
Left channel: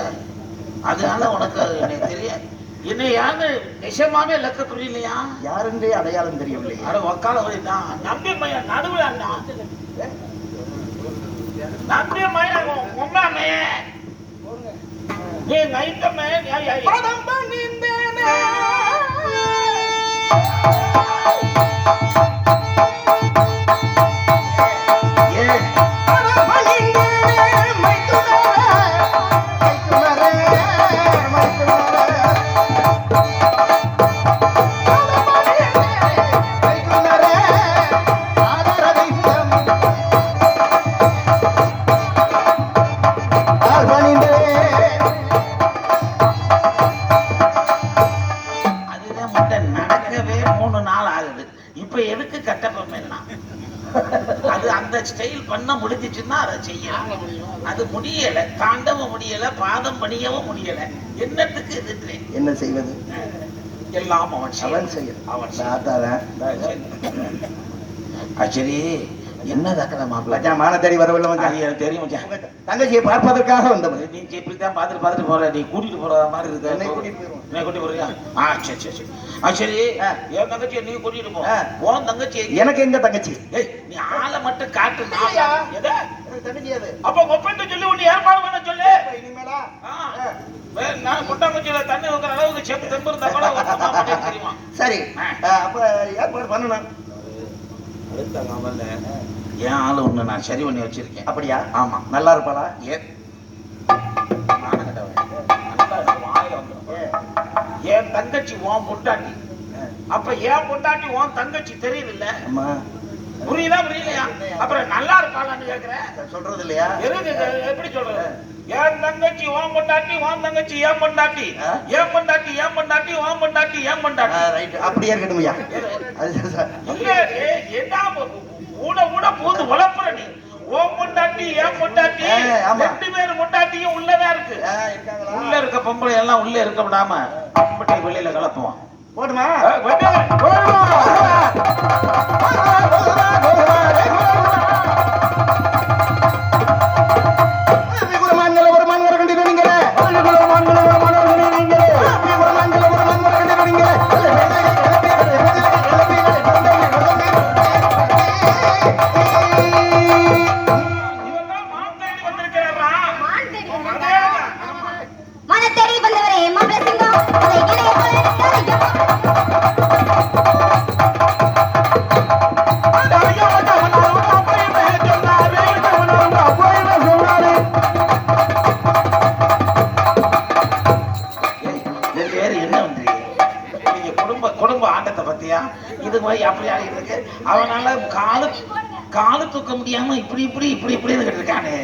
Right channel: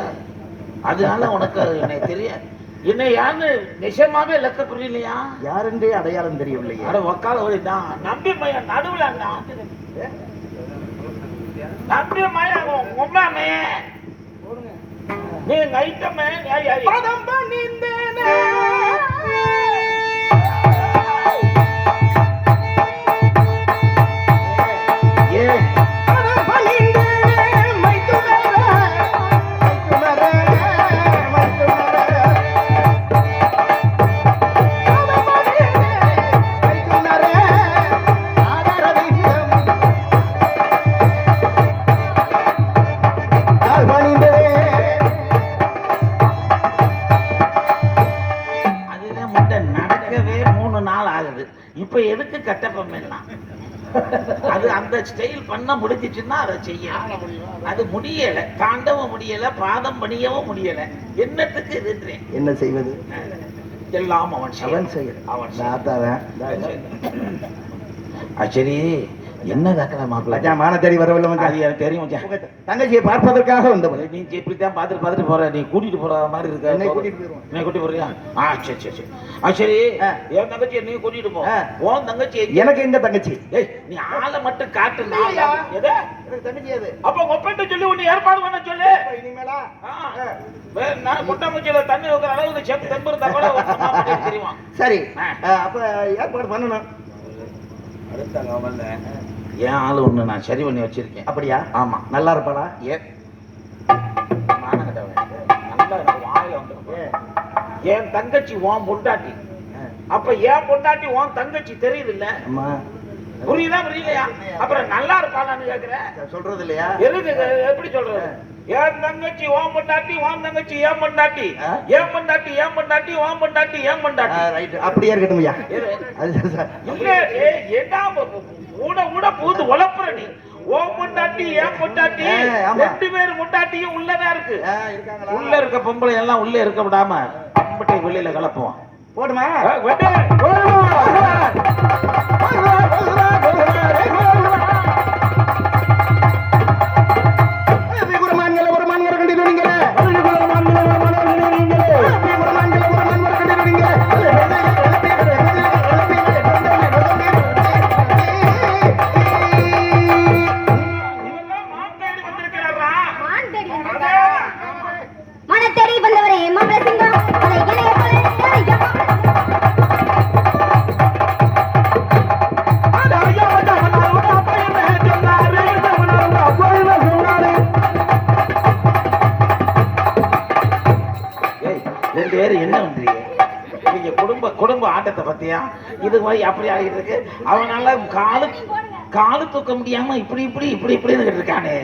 அதனால உனக்கு எனக்கு தெரியாது. என்ன யாரு நிஜமாவே இலக்க புரியலையா? யாருன்றே அடையாளம் தெரியவில்லையா? அட வக்கால வழிதான். நம்பி மையம் நடுவுல அண்ணா. நம்பி மையம் உண்மையாமே நீ நைட்டமே பதம் பண்ணிந்தேனே. இப்ப எதுக்கு கட்டப்பம் எல்லாம்? அது அந்த ஸ்டைல் பண்ண முடிஞ்சிச்சுன்னா அதை செய்யலாம். அது முடியல. தாண்டவும் முடியல. பாதம் பணியவும் முடியல. என்னத்துக்கு இது? என்ன செய்வது? எல்லாம் அவன் செய்ய. அவன் சரி. என்ன தக்கல மாப்பிள்ள மான தேடி வரவில்லை. அது எனக்கு தெரியும். தங்கச்சியை பார்ப்பதற்காக வந்தவன். நீ இப்படித்தான் பார்த்துட்டு போற. நீ கூட்டிட்டு போற மாதிரி இருக்கு. என்னை கூட்டிட்டு போறியா? சரி சரி சரி. சரி என் தங்கச்சியை நீ கூட்டிட்டு போ. உன் தங்கச்சி எனக்கு எங்க தங்கச்சி? நீ ஆளை மட்டும் காட்டு. தங்கச்சி அது. அப்ப ஒப்பந்த சொல்லி ஒண்ணு ஏற்பாடு பண்ண சொல்லு. இனிமேலா நான் கொட்டாங்குச்சியில தண்ணி வைக்கிற அளவுக்கு சேர்த்து தம்பு தப்பா தெரியுமா? சரி அப்ப ஏற்பாடு பண்ணணும். அடுத்த கவல்ல என் ஆளு ஒண்ணு நான் சரி பண்ணி வச்சிருக்கேன். அப்படியா? ஆமா. நல்லா இருப்பாளா? என் தங்கச்சி உன் பொண்டாட்டி. அப்ப என் பொண்டாட்டி உன் தங்கச்சி தெரியுது இல்ல? ஆமா. புரியுதா புரியலையா? அப்புறம் நல்லா இருப்பாங்கன்னு கேக்குறேன். சொல்றது இல்லையா? எதுக்கு எப்படி சொல்றது? என் தங்கச்சி உன் பொண்டாட்டி, உன் தங்கச்சி என் பொண்டாட்டி, என் பொண்டாட்டி என் பொண்டாட்டி, உன் பொண்டாட்டி என் பொண்டாட்டி. ரைட், அப்படியே இருக்கட்டும் ஐயா. இல்ல என்ன கூட கூட பூந்து உழப்புற நீ. உன் பொண்டாட்டி என் பொண்டாட்டி ரெண்டு பேரும் பொண்டாட்டியும் உள்ளதா இருக்கு. உள்ள இருக்க பொம்பளை எல்லாம் உள்ள இருக்க விடாம பொம்பளை வெளியில கலப்புவோம். போடுமா? குடும்ப ஆட்டத்தை பத்தியா இது மாதிரி அப்படி ஆடிட்டு இருக்கு. அவனால காலு தூக்க முடியாம இப்படி இப்படி இப்படி இப்படி இருக்கானே.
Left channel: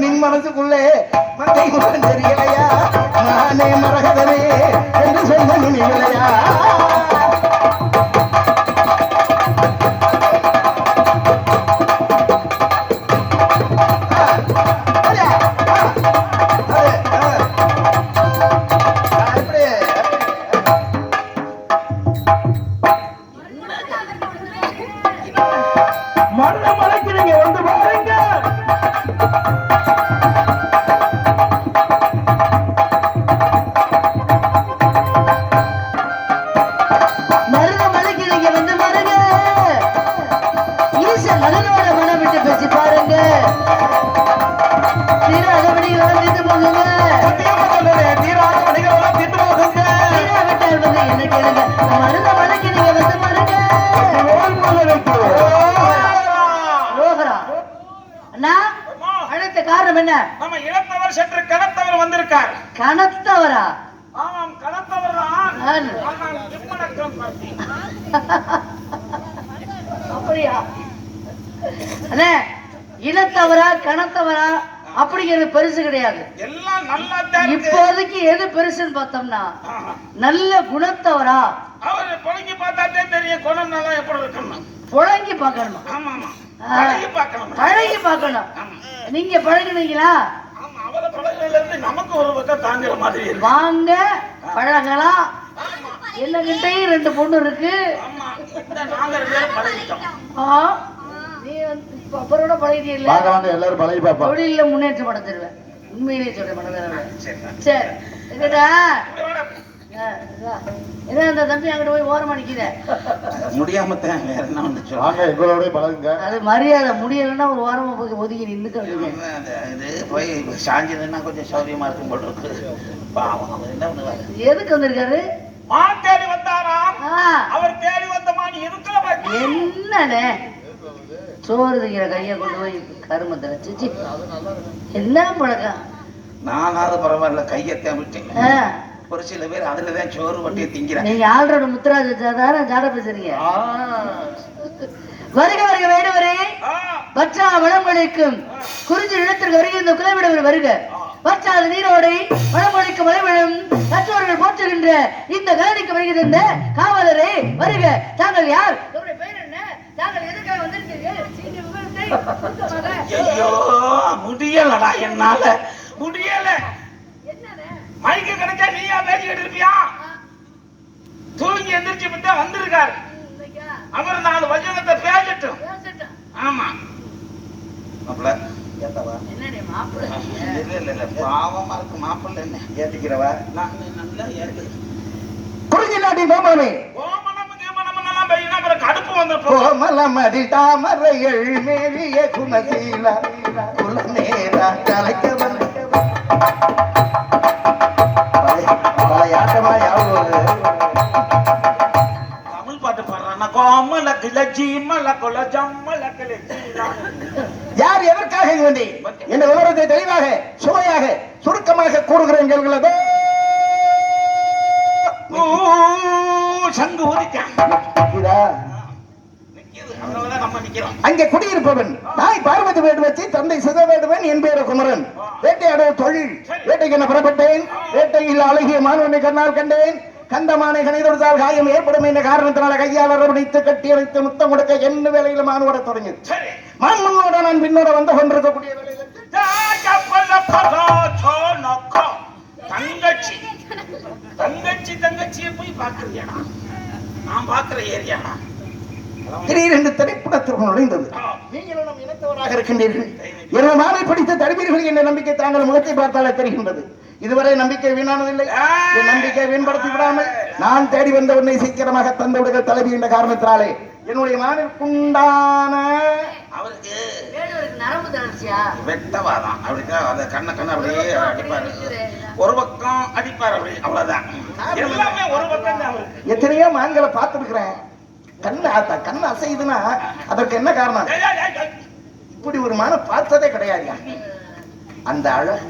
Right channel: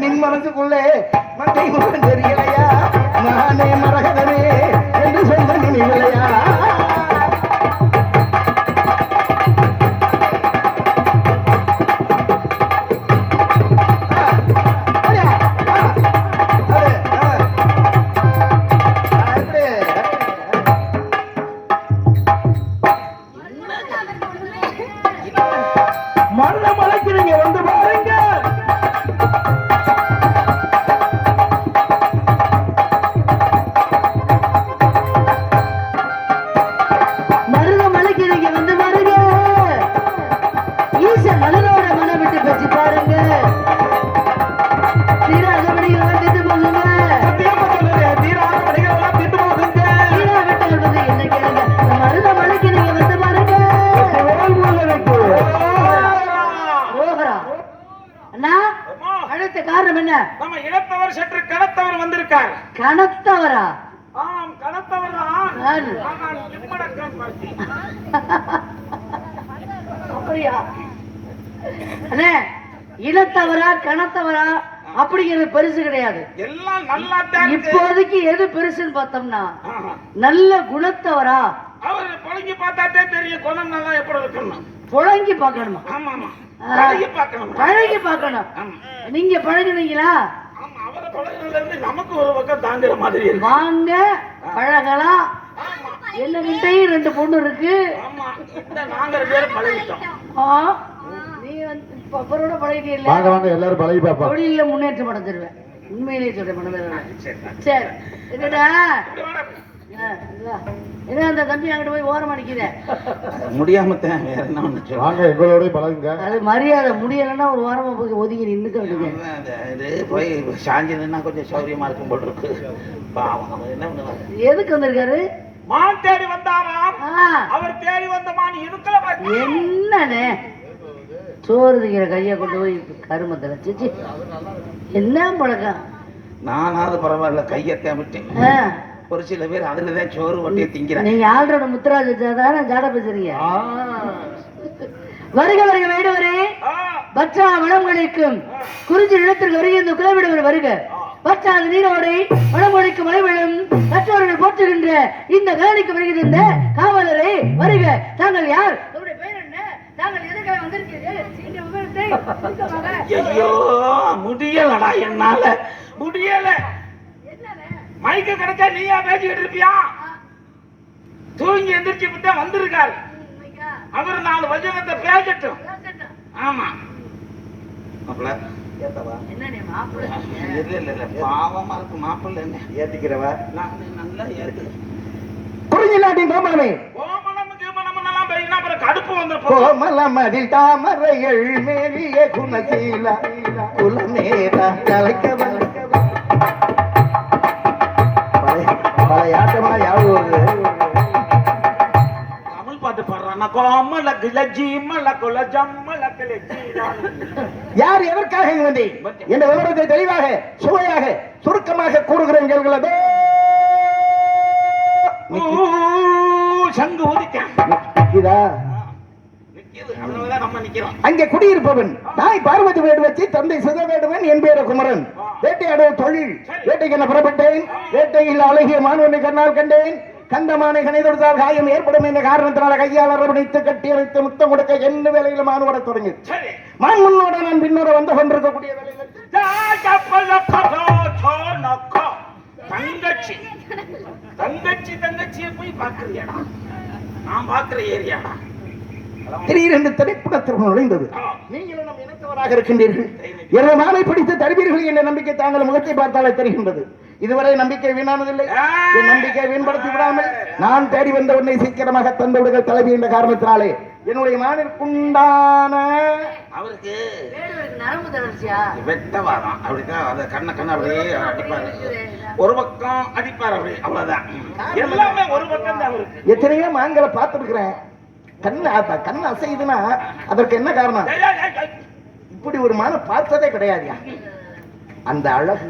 நின் மனசுக்குள்ளே மந்தை தெரியலையா? நானே மரகதனே என்று சொன்ன இல்லையா? காரணம் என்ன? நம்ம இளத்தவர் சற்று கனத்தவர் வந்திருக்கார். கனத்தவரா? ஆம், கனத்தவர் தான். அப்படியா? அண்ணே, இளத்தவரா கனத்தவரா அப்படிங்கிறது பெருசு கிடையாது. எல்லாம் நல்லா தான். இப்போதைக்கு எது பெருசுன்னு பார்த்தோம்னா நல்ல குணத்தவரா. அவர் புழங்கி பார்த்தாட்டே தெரியும் குணம் நல்லா எப்படி இருக்கணும். புழங்கி பார்க்கணும். ஆமா ஆமா, பழகி பார்க்கணும். பழகி பார்க்கணும். நீங்க பழகுனீங்களா? ஆமா, அவரை பழகுனதுல இருந்து நமக்கு ஒரு பக்கம் தாங்குற மாதிரி இருக்கு. வாங்க பழகலாம். என்னகிட்டயும் 2 பொண்ணு இருக்கு. ஆமா, இந்த நாங்க 2 பேரும் பழகிட்டோம். நீ அப்பரோட பழகிட்டீல்ல? வாங்க வாங்க எல்லாரும் பழகி பாப்பா. தொழில முன்னேற்றம் அடைஞ்சிருவேன். உண்மையிலேயே சொல்றேன் பண்ணவே. சரி என்னடா என்ன அந்த தம்பி அங்கிட்டு போய் ஓரம் அடிக்குத முடியாம வேற என்ன ஒண்ணு வாங்க எங்களோட பழகுங்க. அது மரியாதை முடியலன்னா ஒரு வாரமா போய் ஒதுங்கி நின்னுக்கிறதுக்கு இது போய் சாஞ்சினா கொஞ்சம் சௌரியமா இருக்கும் போட்டு இருக்கு. என்ன ஒண்ணு எதுக்கு வந்திருக்காரு? மான் தேடி வந்தாரா? அவர் தேடி வந்த மான் எதுக்குல என்னண்ணே சோறு திங்கிற கையை கொண்டு போய் கருமத்தை வச்சு என்ன பழக்கம்? நானாவது பரவாயில்ல கையத்தான் விட்டேன். ஒரு சில பேர் அதுலதான் சோறு ஒட்டியை திங்கிறாங்க. நீங்க ஆள்றோட முத்துராஜ் வச்சாதானே ஜாட பேசுறீங்க. வருக வருக வேடுவரே, பச்சா வடமொழிக்கும் குறிஞ்சி நிலத்திற்கு வருகிற இந்த குலவிடவர் வருக. பச்சாத நீரோடை வடமொழிக்கு மலைவிழும் கற்றவர்கள் போற்றுகின்ற இந்த கலனிக்கு வருகின்ற காவலரே வருக. தாங்கள் யார்? ஐயோ முடியலடா, என்னால முடியல. மைக்க கிடைச்சா நீயா பேசிக்கிட்டு இருப்பியா? தூங்கி எந்திரிச்சு விட்டா வந்திருக்காரு. அவர் 4 வசனத்தை பேசட்டும். ஆமா மாப்பிள்ள பாவமா இருக்கு. மாப்பிள்ள என்ன ஏத்துக்கிறவா நல்லா ஏத்து. குறிஞ்சி நாட்டின் கோமலமே கடுப்பு வந்து கோமலமதி தாமரைகள் மேலிய குணசீல குலநேர கலைக்க யாட்டமா யாவும் தமிழ் பாட்டு பாடுறான். கோமல கிளஜி மல குல ஜம்மல கிளஜி. யார் எதற்காக வந்தேன் என்ற விவரத்தை தெளிவாக சுவையாக சுருக்கமாக கூறுகிறேன் கேள்களதோ. சங்கு ஊதிக்கான் அங்கே குடியிருப்பவன் தாய் பார்வதி வேடுவச்சி தந்தை சிதவேடுவன் என் பேர குமரன். வேட்டையாடுவ தொழில். வேட்டைக்கு என்ன புறப்பட்டேன். வேட்டையில் அழகிய மான்வனை கண்ணால் கண்டேன். கந்தமானை கணைதொடுத்தால் காயம் ஏற்படும் என்ற காரணத்தினால கையால் அரவணைத்து கட்டி வைத்து முத்தம் கொடுக்க என்ன வேலையில் மான் ஓட தொடங்கி மான் முன்னோட நான் பின்னோட வந்து கொண்டிருக்கக்கூடிய தங்கச்சி தங்கச்சி தங்கச்சியை போய் பார்க்கறியாடா? நான் பார்க்கிற ஏரியாடா. திடீரென்று திரைப்படத்திற்கு நுழைந்தது. நீங்கள் நம் இனத்தவராக இருக்கின்றீர்கள். எனது நாளை படித்து தருவீர்கள் என்ற நம்பிக்கை தாங்கள் முகத்தை பார்த்தாலே தெரிகின்றது. இதுவரை நம்பிக்கை வீணானதில்லை. என் நம்பிக்கை வீண்படுத்தி விடாமல் நான் தேடி வந்தவனை சீக்கிரமாக தந்து விடுங்கள் தலைவி என்ற காரணத்தினாலே என்னுடைய மாவிற்குண்டான அவருக்கு நரம்பு தளர்ச்சியா வெட்டவாதான். அப்படிதான் அதை கண்ண அப்படியே அடிப்பாரு. ஒரு பக்கம் அடிப்பார். அப்படி அவ்வளவுதான். எல்லாமே ஒரு பக்கம் தான். எத்தனையோ மான்களை பார்த்திருக்கிறேன். கண்ணு அசையுதுன்னா அதற்கு என்ன காரணம்? இப்படி ஒரு மான பார்த்ததே கிடையாது. அந்த அழகு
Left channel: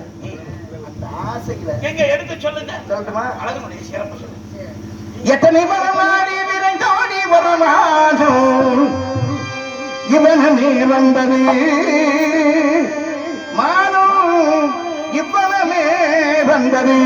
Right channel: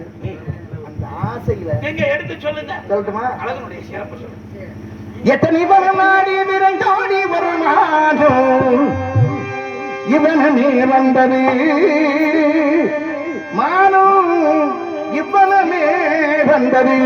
அந்த ஆசையில எங்க எடுத்து சொல்லுங்க. சொல்லட்டுமா? அழகுடைய சிறப்பு சொல்லுங்க. எத்தனை வரமாடி விரைந்தோடி வரமானோ இவனமே வந்தது மானோ இவனமே வந்தது.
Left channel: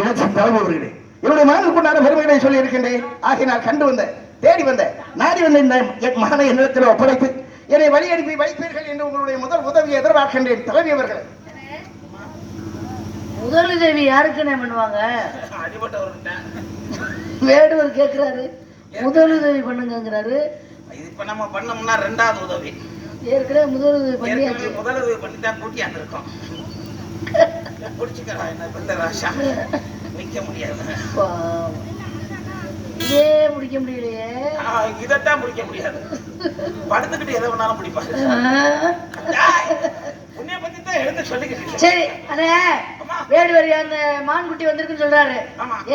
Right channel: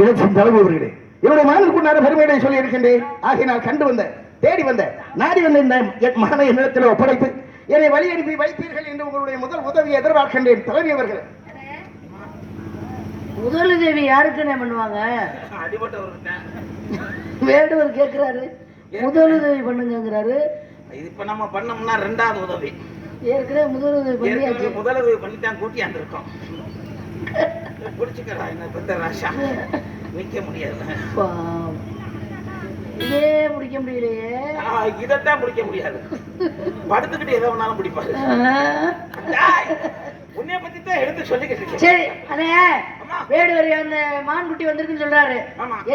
இலட்சியம் தலைமை அவர்களே, என்னுடைய மகனுக்குண்டான பெருமையை சொல்லி இருக்கின்றேன். ஆகினால் கண்டு வந்த, தேடி வந்த, நாடி வந்த இந்த என் மகனை என்னிடத்தில் ஒப்படைத்து என்னை வழி அனுப்பி வைப்பீர்கள் என்று உங்களுடைய முதல் உதவியை எதிர்பார்க்கின்றேன். தலைமை அவர்கள், முதலுதவி யாருக்குன்னு பண்ணுவாங்க? வேடுவர் கேட்கிறாரு, முதலுதவி பண்ணுங்கிறாரு. இது இப்ப நம்ம பண்ணோம்னா ரெண்டாவது உதவி. ஏற்கனவே முதலுதவி பண்ணியாச்சு. முதலுதவி பண்ணித்தான் கூட்டியாந்து இருக்கோம். பிடிச்சுக்கிறா என்ன பெத்த ராஷா, நிக்க முடியாது. இதே பிடிக்க முடியலையே. இதைத்தான் பிடிக்க முடியாது. படுத்துக்கிட்டு எதை வேணாலும் பிடிப்பாரு. உன்னைய பத்தி தான் எடுத்து சொல்லிக்கிட்டு. சரி, அண்ணே வேடுவர் அந்த மான்குட்டி வந்திருக்குன்னு சொல்றாரு.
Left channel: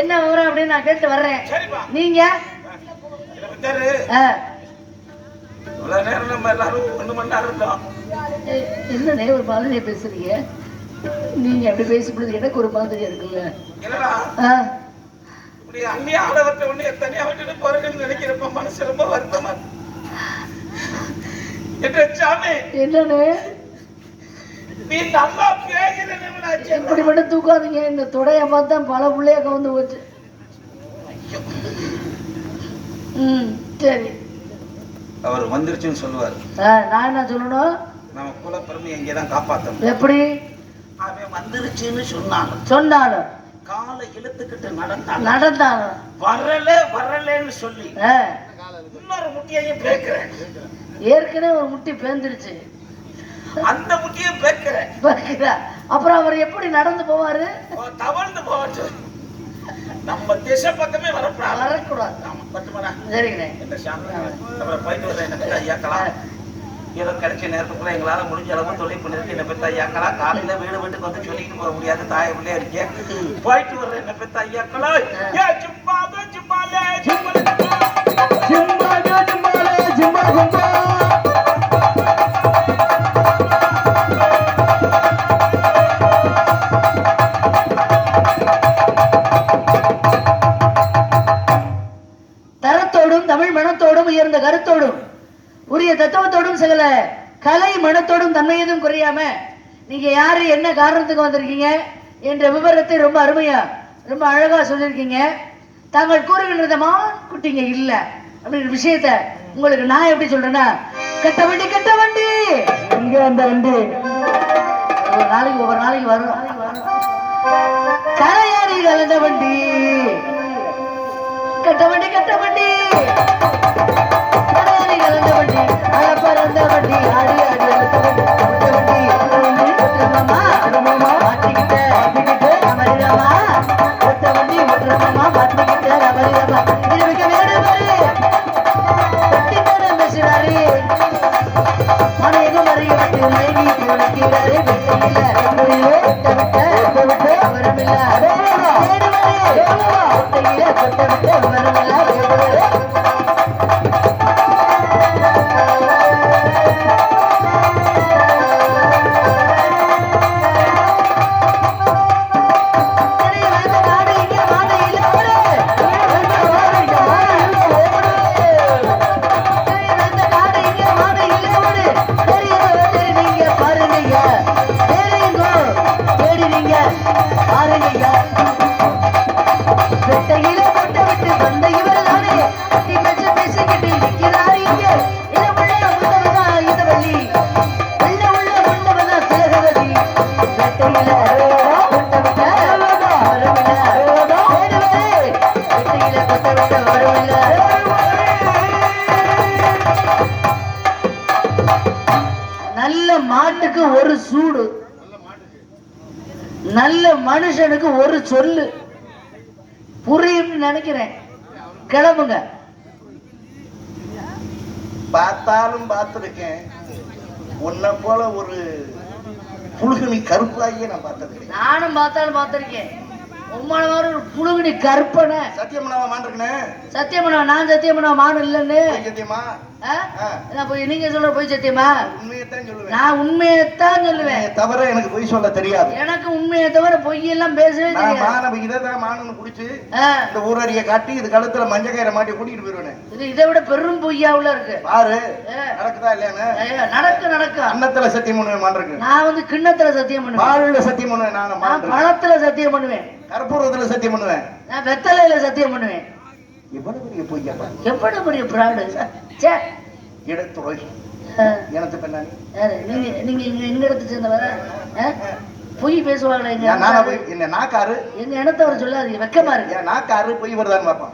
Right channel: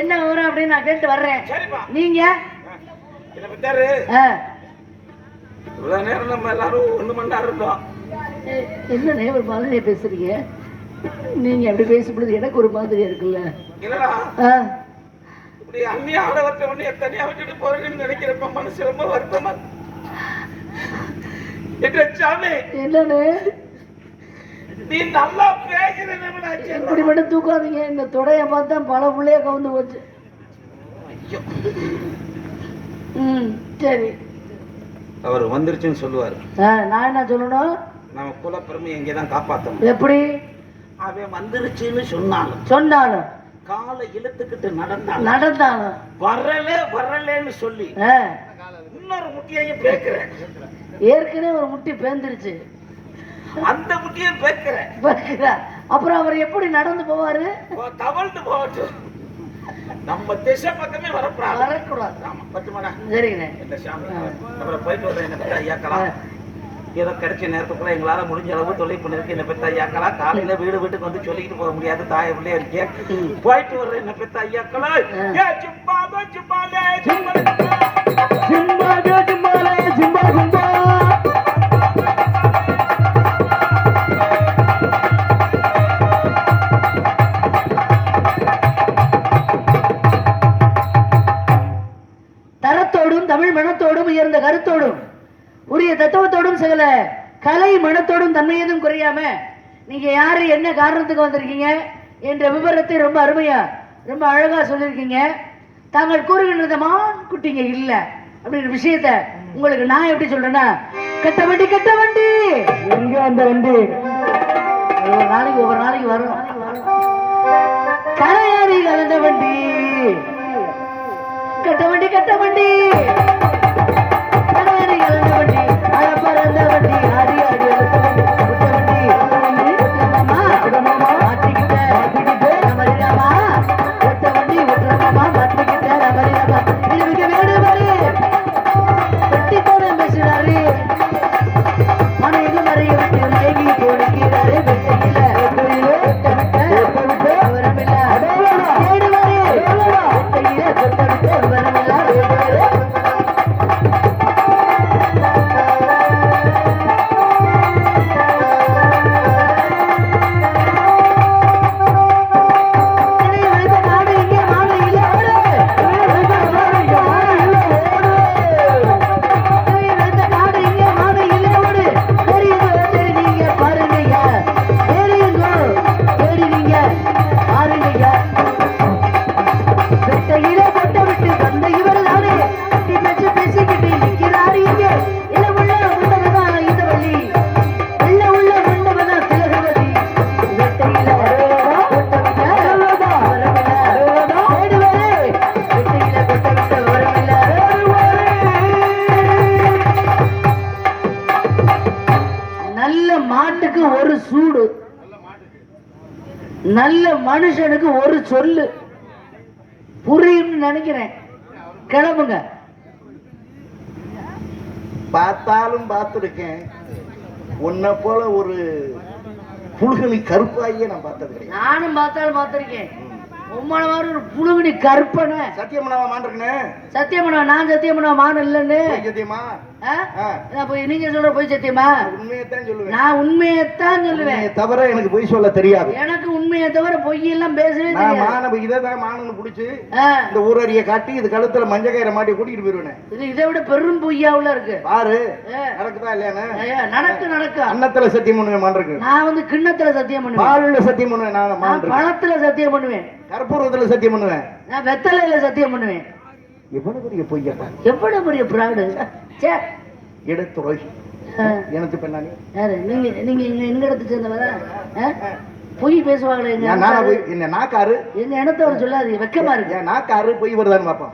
என்ன விவரம் அப்படின்னு நான் கேட்டு வர்றேன். நீங்க இவ்வளவு நேரம் நம்ம எல்லாரும் 1 மணி நேரம் இருந்தோம். என்னண்ணே ஒரு மாதிரியே பேசுறீங்க? நீங்க அப்படி பேசும்போது எனக்கு ஒரு மாதிரியா இருக்குல்ல? இல்லடா, இப்படி அந்நிய ஆள வச்ச உடனே தனியா விட்டுட்டு போறேன்னு நினைக்கிறப்ப மனசு ரொம்ப வருத்தமா. சாமி என்னண்ணே நீ நல்லா பேசுறேன்னு இப்படி மட்டும் தூக்காதீங்க. இந்த தொடைய பார்த்தா பல புள்ளைய கவுந்து போச்சு. சரி, அவர் வந்துருச்சுன்னு சொல்லுவாரு. நான் என்ன சொல்லணும்? நம்ம குல பெருமை இங்கதான் காப்பாத்தணும். எப்படி? அவன் வந்துருச்சுன்னு சொன்னாலும் காலை இழுத்துக்கிட்டு நடந்தாலும் வரலன்னு சொல்லி இன்னொரு முட்டியையும் பேக்குறேன். ஏற்கனவே ஒரு முட்டி பேந்துருச்சு, அந்த முட்டியும் பேக்குறேன். அப்புறம் அவர் எப்படி நடந்து போவாரு? தவழ்ந்து போவாச்சு. நம்ம திசை பக்கமே வரக்கூடாது. சரிங்கண்ணே. போயிட்டு வர என்ன பெத்த ஐயாக்கலாம், ஏதோ கிடைச்ச நேரத்துக்குள்ள எங்களால முடிஞ்ச அளவு தொழில் பண்ணிருக்கு. என்ன பெத்த ஐயாக்களா, காலையில வீடு வீட்டுக்கு வந்து சொல்லிட்டு போக முடியாது, தாய பிள்ளைய இருக்கேன். போயிட்டு வர்ற என்ன பெத்த ஐயாக்களா. தரத்தோடும் தமிழ் மனத்தோடும் உயர்ந்த கருத்தோடும் உரிய தத்துவத்தோடும் சகல கலை மனத்தோடும் தன்மையதும் குறையாம நீங்க யாரு, என்ன காரணத்துக்கு வந்திருக்கீங்க என்ற விவரத்தை ரொம்ப அருமையா ரொம்ப அழகா சொல்லியிருக்கீங்க. தாங்கள் கூறுகின்ற குட்டிங்க இல்ல அப்படின்ற விஷயத்த உங்களுக்கு நான் எப்படி சொல்றேன்னா, கட்ட வண்டி இங்க அந்த வண்டி ஒவ்வொரு நாளைக்கு வரும். கரையாடி கலந்த வண்டி, கட்ட வண்டி கரையாடி கலந்த வண்டி, பறந்த வண்டி, ஆடி ஆடி மாட்டுக்கு ஒரு சூடு, நல்ல மனுஷனுக்கு ஒரு சொல்லு. புரியும்னு நினைக்கிறேன். கிளம்புங்க. பார்த்தாலும் பார்த்திருக்கேன், உன்னை போல ஒரு புழுகனி கருப்பாயே நான் பார்த்தது. நானும் பார்த்தாலும் பார்த்திருக்கேன். உம்மான மாதிரி ஒரு புழுகுனி கருப்பன. சத்தியமனவா மாண்டிருக்கனே. சத்தியமனவா? நான் சத்தியமனவா மான இல்லன்னு. சத்தியமா? போய் நீங்க சொல்ற போய் சத்தியமா? உண்மையத்தான் சொல்லுவேன். நான் உண்மையத்தான் சொல்லுவேன். தவிர எனக்கு பொய் சொல்ல தெரியாது. எனக்கு உண்மையை தவிர பொய் எல்லாம் பேசவே தெரியாது. மான அப்ப இதான் மானு புடிச்சு ஆ, இந்த ஊரறிய காட்டி இது கழுத்துல மஞ்சள் கயிறை மாட்டி கூட்டிட்டு போயிருவேன். இது இதை விட பெரும் பொய்யாவுல இருக்கு. பாரு ஆ, நடக்குதா இல்லையானு. நடக்கும். அன்னத்துல சத்தியம் பண்ணுவேன் மான் இருக்கு. நான் வந்து கிண்ணத்துல சத்தியம் பண்ணுவேன், பாலுல சத்தியம் பண்ணுவேன். நான் மான் நான் இருக்கு. பழத்துல சத்தியம் பண்ணுவேன், கற்பூரத்துல சத்தியம் பண்ணுவேன். நான் வெத்தலையில சத்தியம் பண்ணுவேன். எவ்வளவு பெரிய பொய்யா, எவ்வளவு பெரிய பிராடு. சே, இடத்துறை ஆ, எனக்கு பின்னாடி யாரு? நீங்க எங்க இடத்து சேர்ந்தவர? பொய் பேசுவாங்களே எங்க நானா இனத்தவர். போய் என்ன நாக்காரு எங்க இனத்தவர் சொல்லாதீங்க, வெக்கமா இருக்கு. என் நாக்காரு பொய் வருதான்னு பாப்போம்.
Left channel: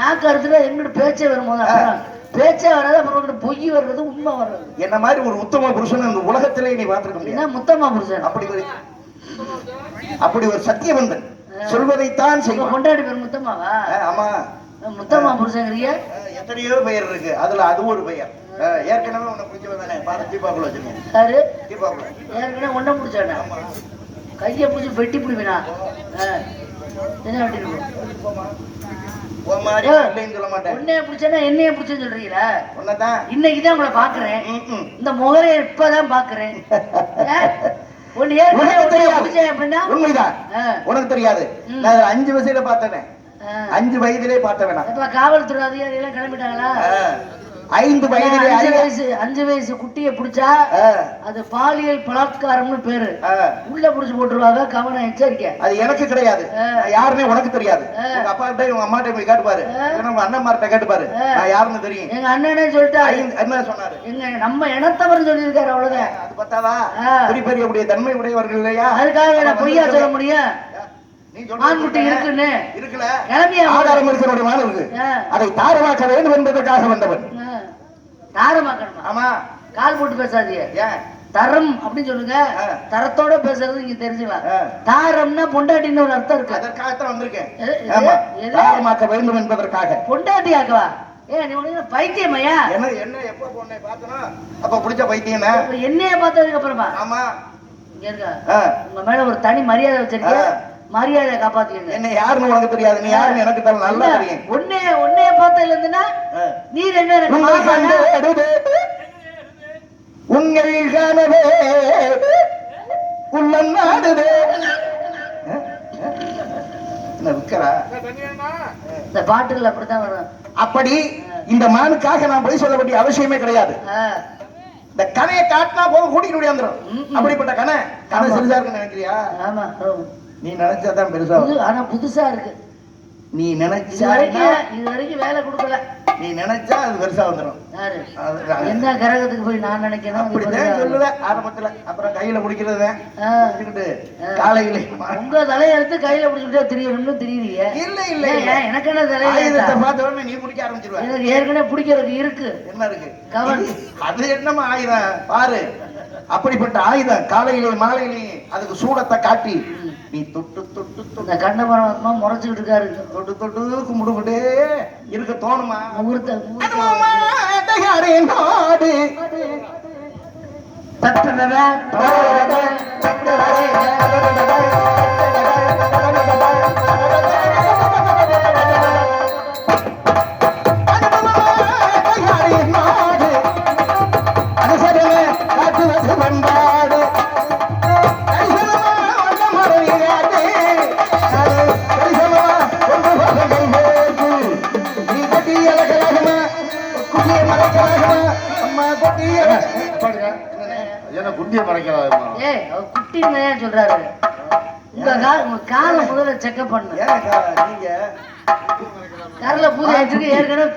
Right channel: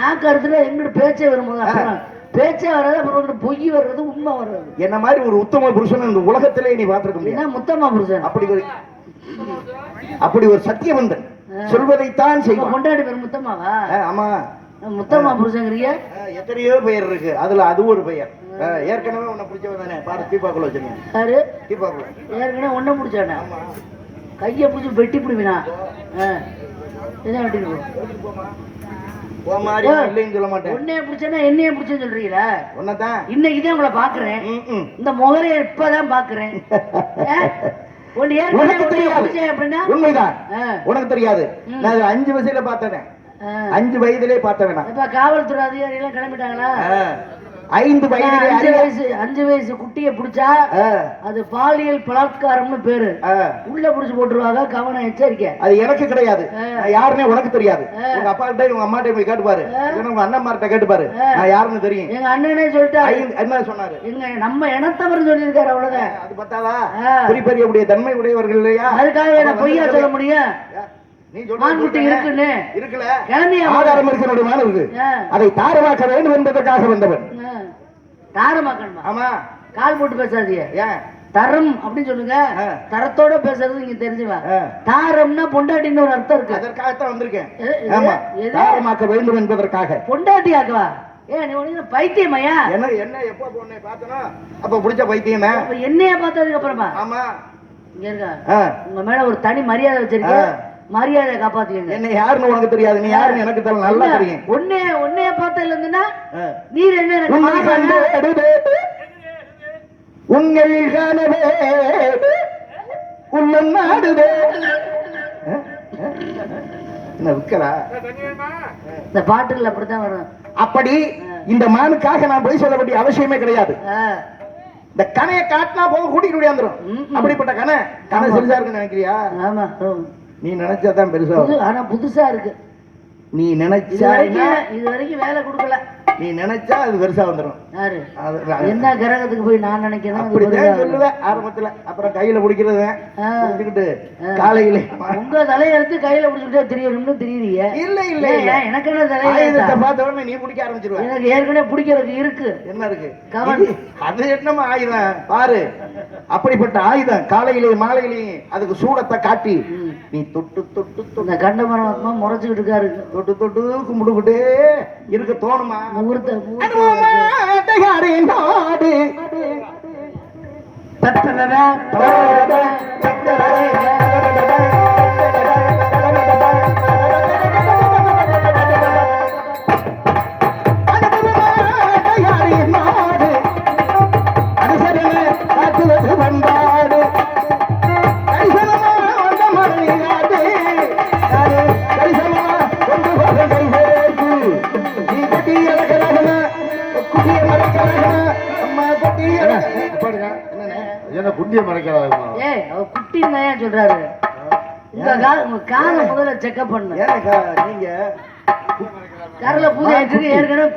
நாக்கு அறுத்துல எங்கிட்ட பேச்சே வரும்போது அப்புறம் பேச்சே வர்றது, அப்புறம் உங்ககிட்ட பொய் வர்றது, உண்மை வர்றது. என்ன மாதிரி ஒரு உத்தம புருஷன் இந்த உலகத்திலே நீ பார்த்திருக்க முடியாது. என்ன முத்தம்மா புருஷன்? அப்படி ஒரு சத்தியவந்தன் சொல்வதைத்தான் உங்க செய்வான். பொண்டாட்டி பேர் முத்தம்மாவா? ஆமா, முத்தம்மா புருஷங்கிறியா? எத்தனையோ பெயர் இருக்கு, அதுல அது ஒரு பெயர். ஏற்கனவே உன்னை பிடிச்சவன் தானே, பார்த்து தீபாக்குள்ள வச்சிருக்கேன். யாரு? தீபாக்குள்ள ஏற்கனவே ஒன்ன முடிச்சானே, கையை பிடிச்சி வெட்டி பிடிவினா. என்ன வெட்டி உன் மாதிரி நான் இல்லைன்னு சொல்ல மாட்டேன். உன்னைய பிடிச்சா என்னைய பிடிச்சேன்னு சொல்றீங்களா? உன்னதான் இன்னைக்குதான் உங்களை பாக்குறேன், இந்த முகரை இப்பதான் பாக்குறேன். ஒன்னு ஏற்கனவே பிடிச்சேன் அப்படின்னா உண்மைதான், உனக்கு தெரியாது. நான் இதுல 5 வயசுல பார்த்தேன், 5 வயதிலே பார்த்தவனா. இப்ப காவல்துறை அதிகாரிகள் கிளம்பிட்டாங்களா? 5 வயதிலே 5 வயசு குட்டியை பிடிச்சா அது பாலியல் பலாத்காரம்னு பேரு. உள்ள புடிச்சு போட்டுருவாங்க, கவனம், எச்சரிக்கை. அது எனக்கு கிடையாது, யாருன்னே உனக்கு தெரியாது. உங்க அப்பா கிட்ட உங்க அம்மா கிட்ட போய் கேட்டுப்பாரு, உங்க அண்ணன்மார்ட்ட கேட்டுப்பாரு, நான் யாருன்னு தெரியும். எங்க அண்ணனே சொல்லிட்டு என்ன சொன்னாரு, எங்க நம்ம இனத்தவர் சொல்லியிருக்காரு, அவ்வளவுதான். அது பத்தாதா? பெரிய தன்மை உடையவர்கள் இல்லையா? அதுக்காக என்ன பொய்யா சொல்ல முடியும்? நீ மான்குட்டி இருக்குன்னு இருக்குல்ல, கிளம்பியா? ஆதாரம் இருக்கிற மான் இருக்கு, அதை தாரமாக்க வேண்டும் என்பதற்காக வந்தவன். தாரமாக்கணுமா? ஆமா, கால் போட்டு பேசாதீங்க. ஏன் தரம் அப்படின்னு சொல்லுங்க, தரத்தோட பேசுறது நீங்க தெரிஞ்சுக்கலாம். தாரம்னா பொண்டாட்டின்னு ஒரு அர்த்தம் இருக்கு, அதற்காகத்தான் வந்திருக்கேன். ஆமா, தாரமாக்க வேண்டும் என்பதற்காக. பொண்டாட்டி ஆக்கவா? ஏன் நீ ஒண்ணு பைத்தியமையா? என்ன எப்ப பொண்ணை பார்த்தனா அப்ப பிடிச்ச பைத்தியம். என்னைய பார்த்ததுக்கு அப்புறமா? ஆமா, இங்க இருக்க உங்க மேல ஒரு தனி மரியாதை வச்சிருக்கேன், மரியாதையை காப்பாத்துக்கீங்க. என்ன யாருன்னு உனக்கு தெரியாது, நீ யாருன்னு எனக்கு தெரியும், நல்லா தெரியும். உன்னைய பார்த்ததுல இருந்துன்னா நீர் என்ன எனக்கு மாமானா? உங்கள் கனவே உள்ளம் நாடுதே. என்ன விக்கலா? இந்த பாட்டுகள் அப்படித்தான் வரும். அப்படி இந்த மானுக்காக நான் போய் சொல்ல வேண்டிய அவசியமே கிடையாது. இந்த கனையை காட்டினா போதும் கூட்டிட்டு வந்துடும். அப்படிப்பட்ட கனை சிறுசா இருக்குன்னு நினைக்கிறியா? ஆமா, நீ நினைச்சாதான் பெருசா, ஆனா புதுசா இருக்கு. நீ நினைச்சா இது வரைக்கும் வேலை கொடுக்கல, நீ நினைச்சா அது பெருசா வந்துடும். என்ன கிரகத்துக்கு போய் நான் நினைக்கிறேன் அப்படிதான் சொல்லுவேன் ஆரம்பத்துல. அப்புறம் கையில பிடிக்கிறது காலையில உங்க தலையெடுத்து கையில பிடிச்சுட்டே தெரியணும்னு தெரியுறீங்க. இல்ல இல்ல, எனக்கு என்ன தலையெழுத்தை பார்த்த உடனே நீ பிடிக்க ஆரம்பிச்சிருவ. எனக்கு ஏற்கனவே பிடிக்கிறதுக்கு இருக்கு. என்ன இருக்கு? அது என்னமா ஆயுதம் பாரு. அப்படிப்பட்ட ஆயுதம் காலையிலே மாலையிலே அதுக்கு சூடத்தை காட்டி நீ தொட்டு தொட்டு இந்த கண்ட பரமாத்மா முறைச்சுக்கிட்டு இருக்காரு. தொட்டு தொட்டு கும்பிடுகிட்டே இருக்க தோணுமா? குட்டிய மறைக்கிறாரு. குட்டின்னு சொல்றாரு. உங்க கால முதல்ல செக்அப் பண்ணு. நீங்க கரல பூஜை ஆயிட்டு ஏற்கனவே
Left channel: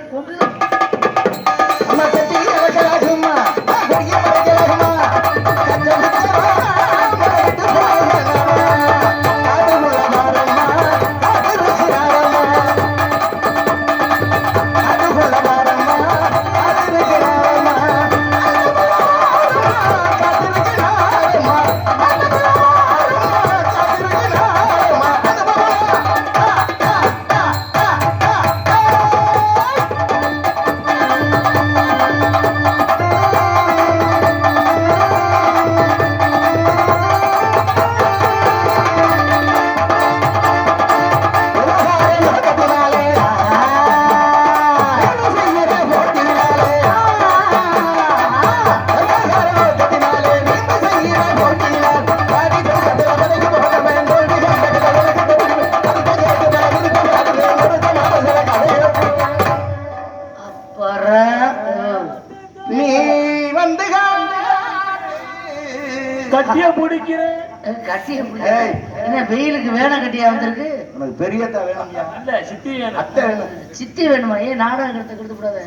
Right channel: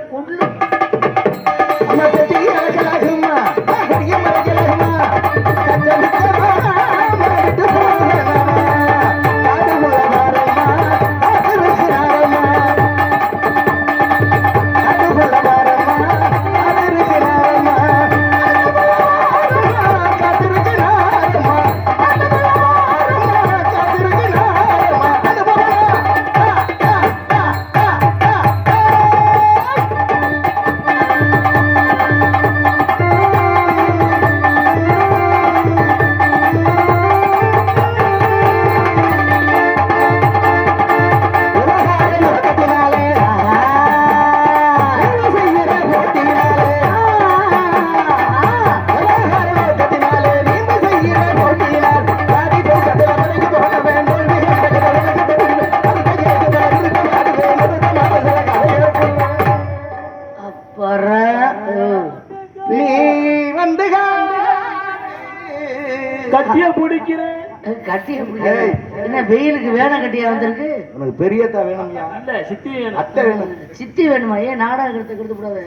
வெயிலுக்கு வேலை கட்டியா வந்திருக்கு? உனக்கு பெரியத்தா வேணும்யா? இல்ல சித்தி வேணும். அத்தை வேணும். சித்தி வேணுமா? ஏன் நாடகத்தை கொடுத்து கூடாது?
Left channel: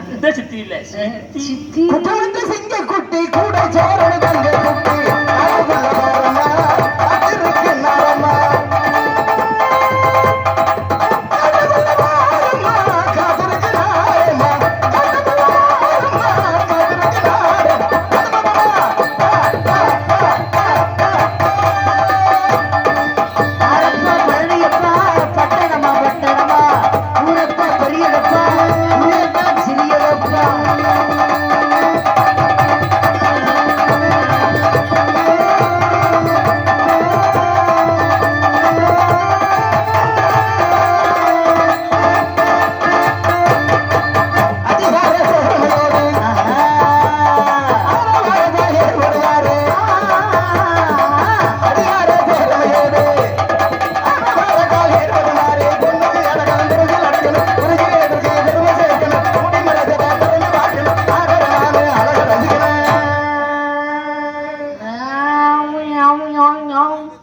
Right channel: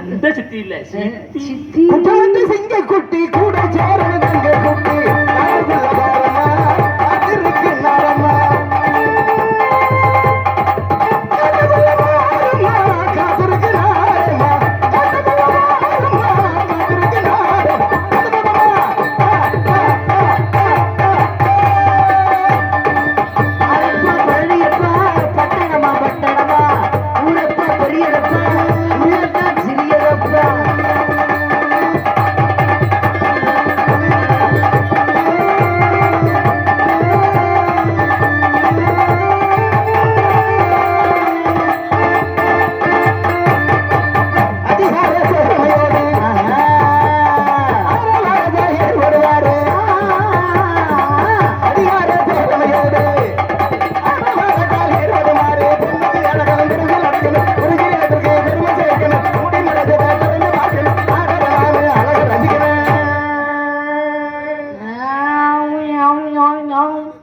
அந்த சித்தி இல்ல சித்தி. சித்தி குட்டமத்து சிங்க குட்டி கூட சேரணும் தங்க குட்டி அதிருக்கு நாரம்மா காத்திருக்கு நாரம்மா காத்திருக்கு ஆரப்பா பழனியப்பா பட்டணமா பட்டணமா ஊரப்பா பெரியப்பா ஊரப்பா சிறியப்பா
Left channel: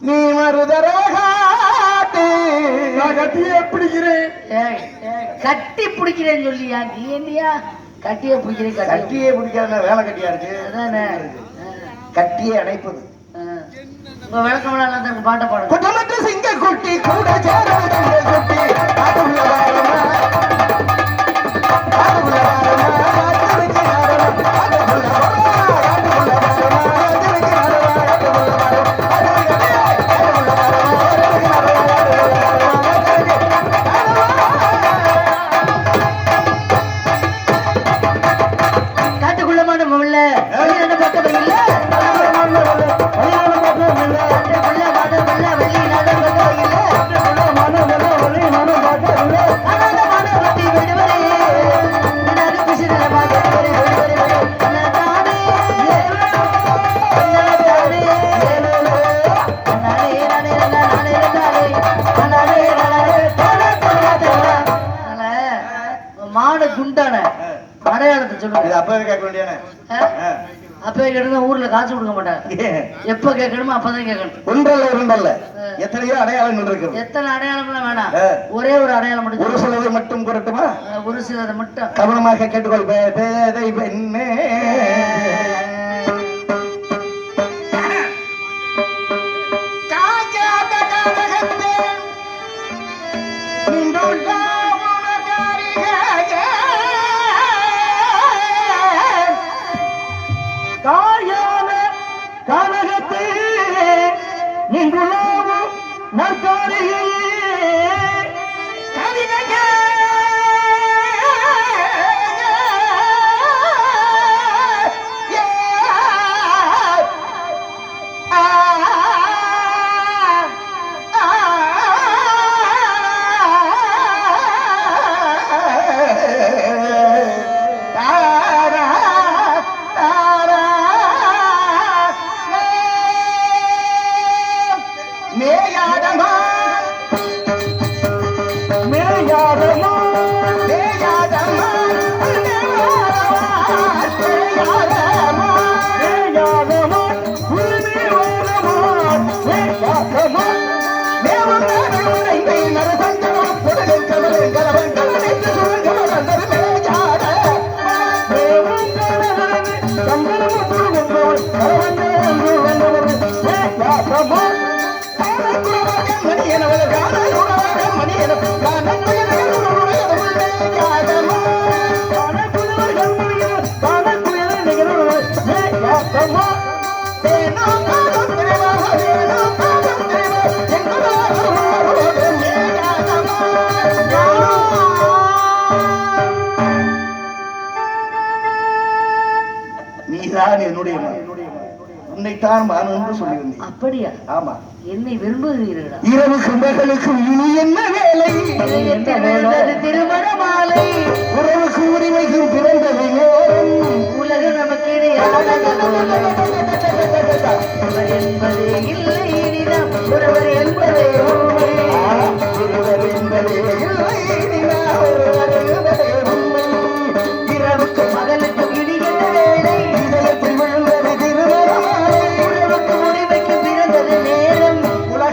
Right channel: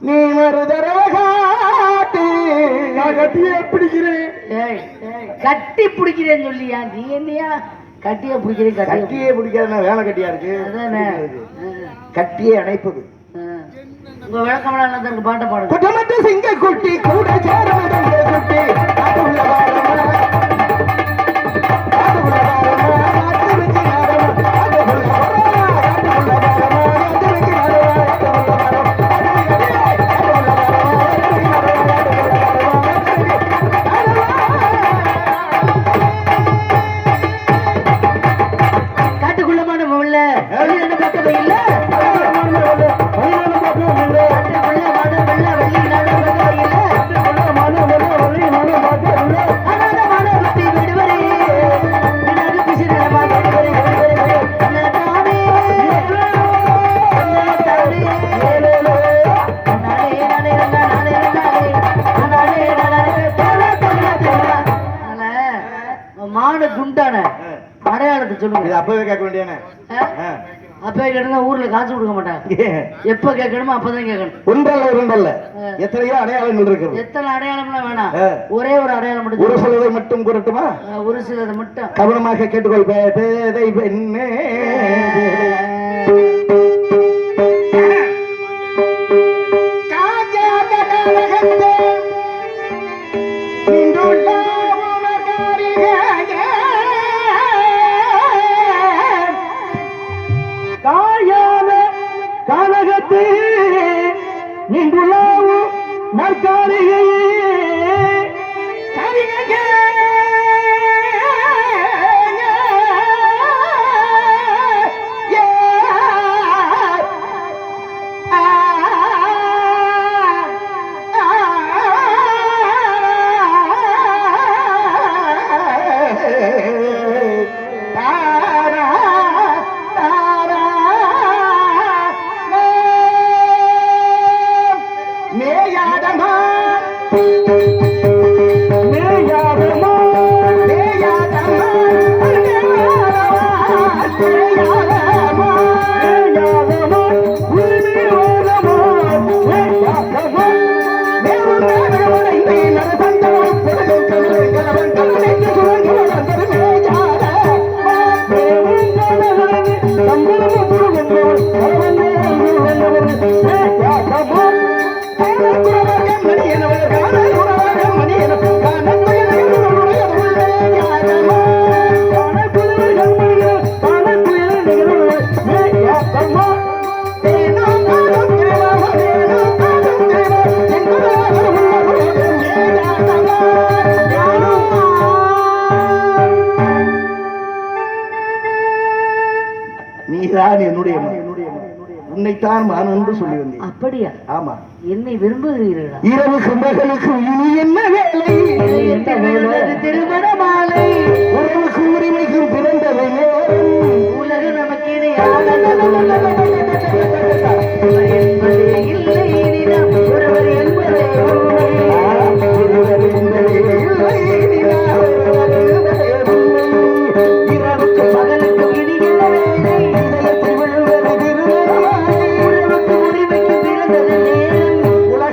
நீ ஒரு தரகாட்டு நான் கட்டியே பிடிக்கிறேன். ஏய், ஏய், கட்டி பிடிக்கிறேன்னு சொல்லியா? நீ என்னையா கட்டிய பிடிக்கிறேன்? கட்டிய கட்டியே பிடிக்காத வேலை கட்டியா இருக்கு. அதானே. கட்டியே அணைப்பது. உங்க விளக்கமெல்லாம் எல்லாம் தனக்கு பாட்டை பாடுங்க. குட்டமட்டு சிங்க குட்டி கூட சேரணும் தங்க குட்டி அதுள்ள வாரமா அதுள்ள வாரமா காத்திருக்கு நாரம்மா அதுள்ள காட்டுக்குள்ளமான முள்ள வெளியான பக்கத்து இல்ல மாடு குண்டான அடையாளத்தை இது சொல்லுங்க. அப்பவே கேட்க வேண்டியானே. அப்ப கேட்டா ஊர்ல காசு கொடுக்க மாட்டாங்க. எப்ப கேட்கணுமோ அப்பதான் கேட்கணும். ஒன்றல்ல இரண்டல்ல எத்தனையோ அடையாளங்கள் இருக்கு. எத்தனை அடையாளம்லாம் வேணாம், ஆ. ஒரே ஒரு அடையாளம் ஒரு மட்டும் சிலதை மட்டும் கூறட்டுமா? ஒரு சிலதை மட்டும். கவனமாக கேட்டுக்கொள் பேதை பெண்ணே. காயால காலகத்தே நின்றுள்ளாவோ நற்காரியே கவிஞே மேயாதமா மேயாதமா மேயாதமா மேயாதமா மேயாதமா உருவிரோதமா மேயாதமா மேவும் நாடகமனை மேனது தந்தவம் பொருளும் கவலை கவலை கவலை சுரங்கவலந்தது மேயாதமா மேவும் நாடகமனை தந்தவம் பொருளும் கவலை மேயாதமா நீதான் என்னுடைய மகன். உன்னைத்தான் நான் என்று சொல்லி வந்தேன். அப்படியா? ஆமா. என்னை விரும்புகிறீர்களா? இரவு கும்பகளுக்கு இனி என்ன வேலை? என்ன வேலை? திருமண மாலை. உறவுக்கு உரிமைக்கு பிறந்தவை நேரம். உலகம் நமக்கு இணையானது என்பதே இல்லை இனிதான் ஒருவர் என்பதே உண்மை. ஒருவர் என்பதே இல்லை, நீதான் ஒருவர் என்பதே உண்மை. இரவுக்கு பகலுக்கு இனி என்ன வேலை? இதயத்தில் விழுந்தது திருமண மாலை. உறவுக்கு உரிமைக்கு பிறந்தது நேரம். உலகம்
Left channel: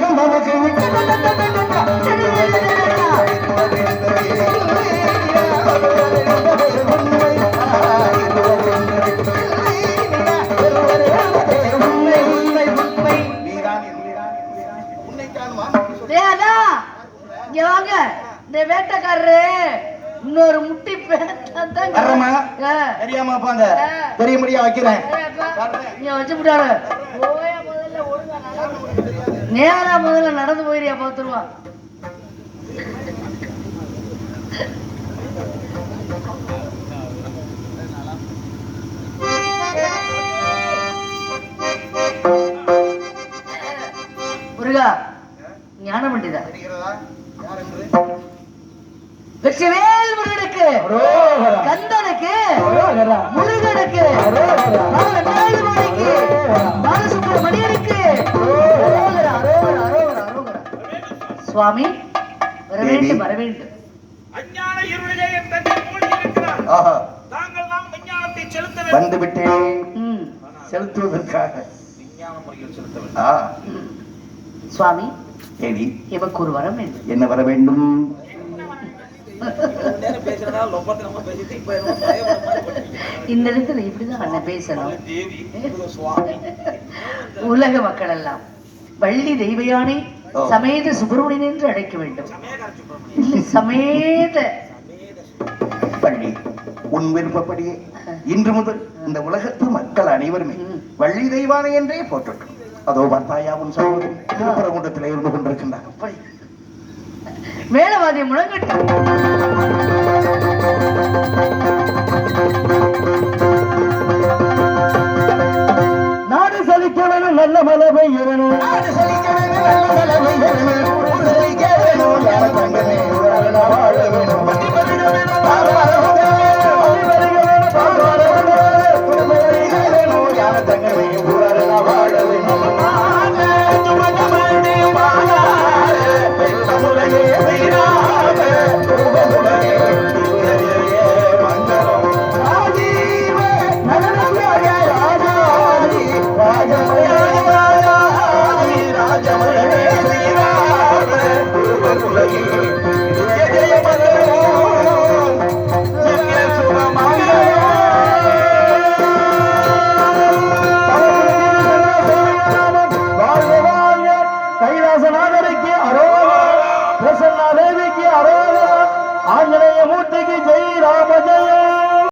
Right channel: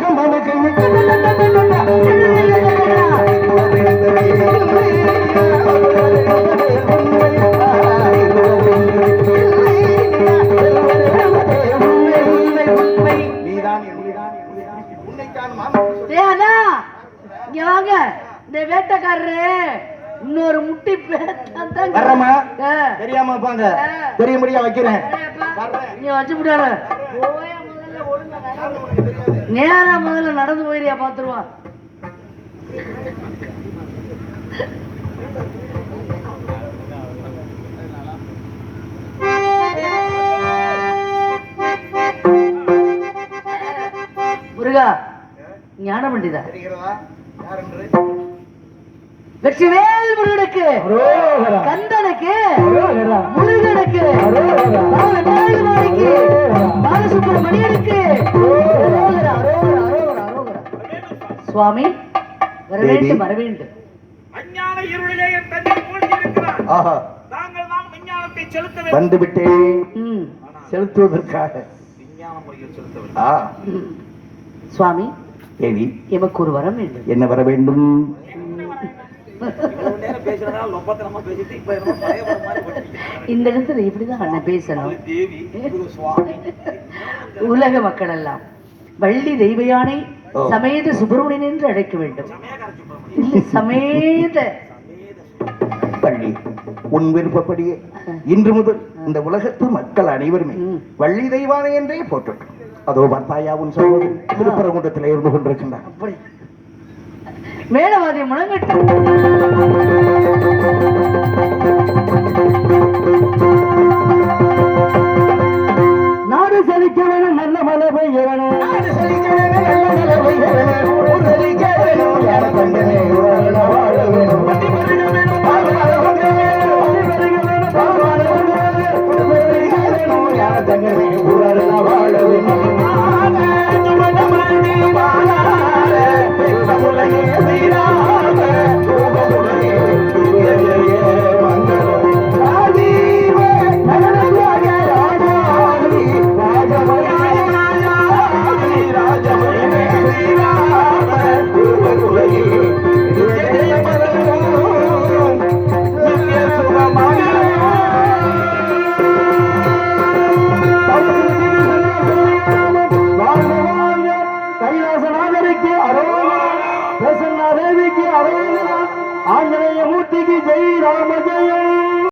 ஏன்னா இங்க வாங்க இந்த வேட்டைக்காரரு இன்னொரு முட்டி வர்றமா தெரியாம பாங்க தெரிய முடியா வைக்கிறேன் நீ வச்சு முடியாத நேரா முதல்ல நடந்து போயிரியா பாத்துருவான் முருகா ஞான பண்டிதா வெற்றிவேல் முருகனுக்கு கந்தனுக்கு முருகனுக்கு பாலசுப்ரமணியனுக்கு சுவாமி வர வேண்டும் வர வேண்டும். அஞ்ஞான இருளிலே என் தந்தை மூழ்கியிருக்கிறார். தாங்கள் தான் விஞ்ஞானத்தை செலுத்த வேண்டும். வந்து விட்டேன் செலுத்துவதற்காக விஞ்ஞான முறையில் செலுத்த வேண்டும். சுவாமி தேவி எமக்கு ஒரு வரம் வேண்டும். என்ன வர வேண்டும்? இவ்வளவு நேரம் பேசுறதால லொப்பத்தனமா பேசிட்டு இப்ப என்ன பயப்பட மாதிரி பண்ணிட்டு இந்த இடத்துல இப்படிதான் அண்ணன் பேசணும். தேவி இது சுவாமி உலக மக்கள் எல்லாம் வள்ளி தெய்வயானை சமேத சுப்பிரமணியன் என்று அழைக்க வேண்டும். இல்லை சமேத பள்ளி உன் விருப்பப்படியே இன்று முதல் இந்த உலகத்து மக்கள் அனைவருமே வள்ளி தெய்வானை என்றே போற்றட்டும். அதோ பார்த்தாயாவும் சகோதரி திருப்பரங்குன்றத்திலே இருந்து கொண்டிருக்கின்றார். மேலவாதி முழங்கட்டும். நாடு செழிக்க வேணும் நல்ல மழை பெய்யணும். நாடு செழிக்க வேணும் நல்ல மழை பெய்யணும். ஊர் செழிக்க வேணும் யார தங்கமே உலக வாழ வேணும். பட்டி பருக வேணும் பால்வாழ வேணும். பட்டி பருக வேணும் பால்வாழ வேணும். குடும்பம் பெருக வேணும் யார தங்கமே உலக வாழ வேணும். கைலாசநாதருக்கு அரோகரா, பிரசன்னா தேவிக்கு அரோகரா.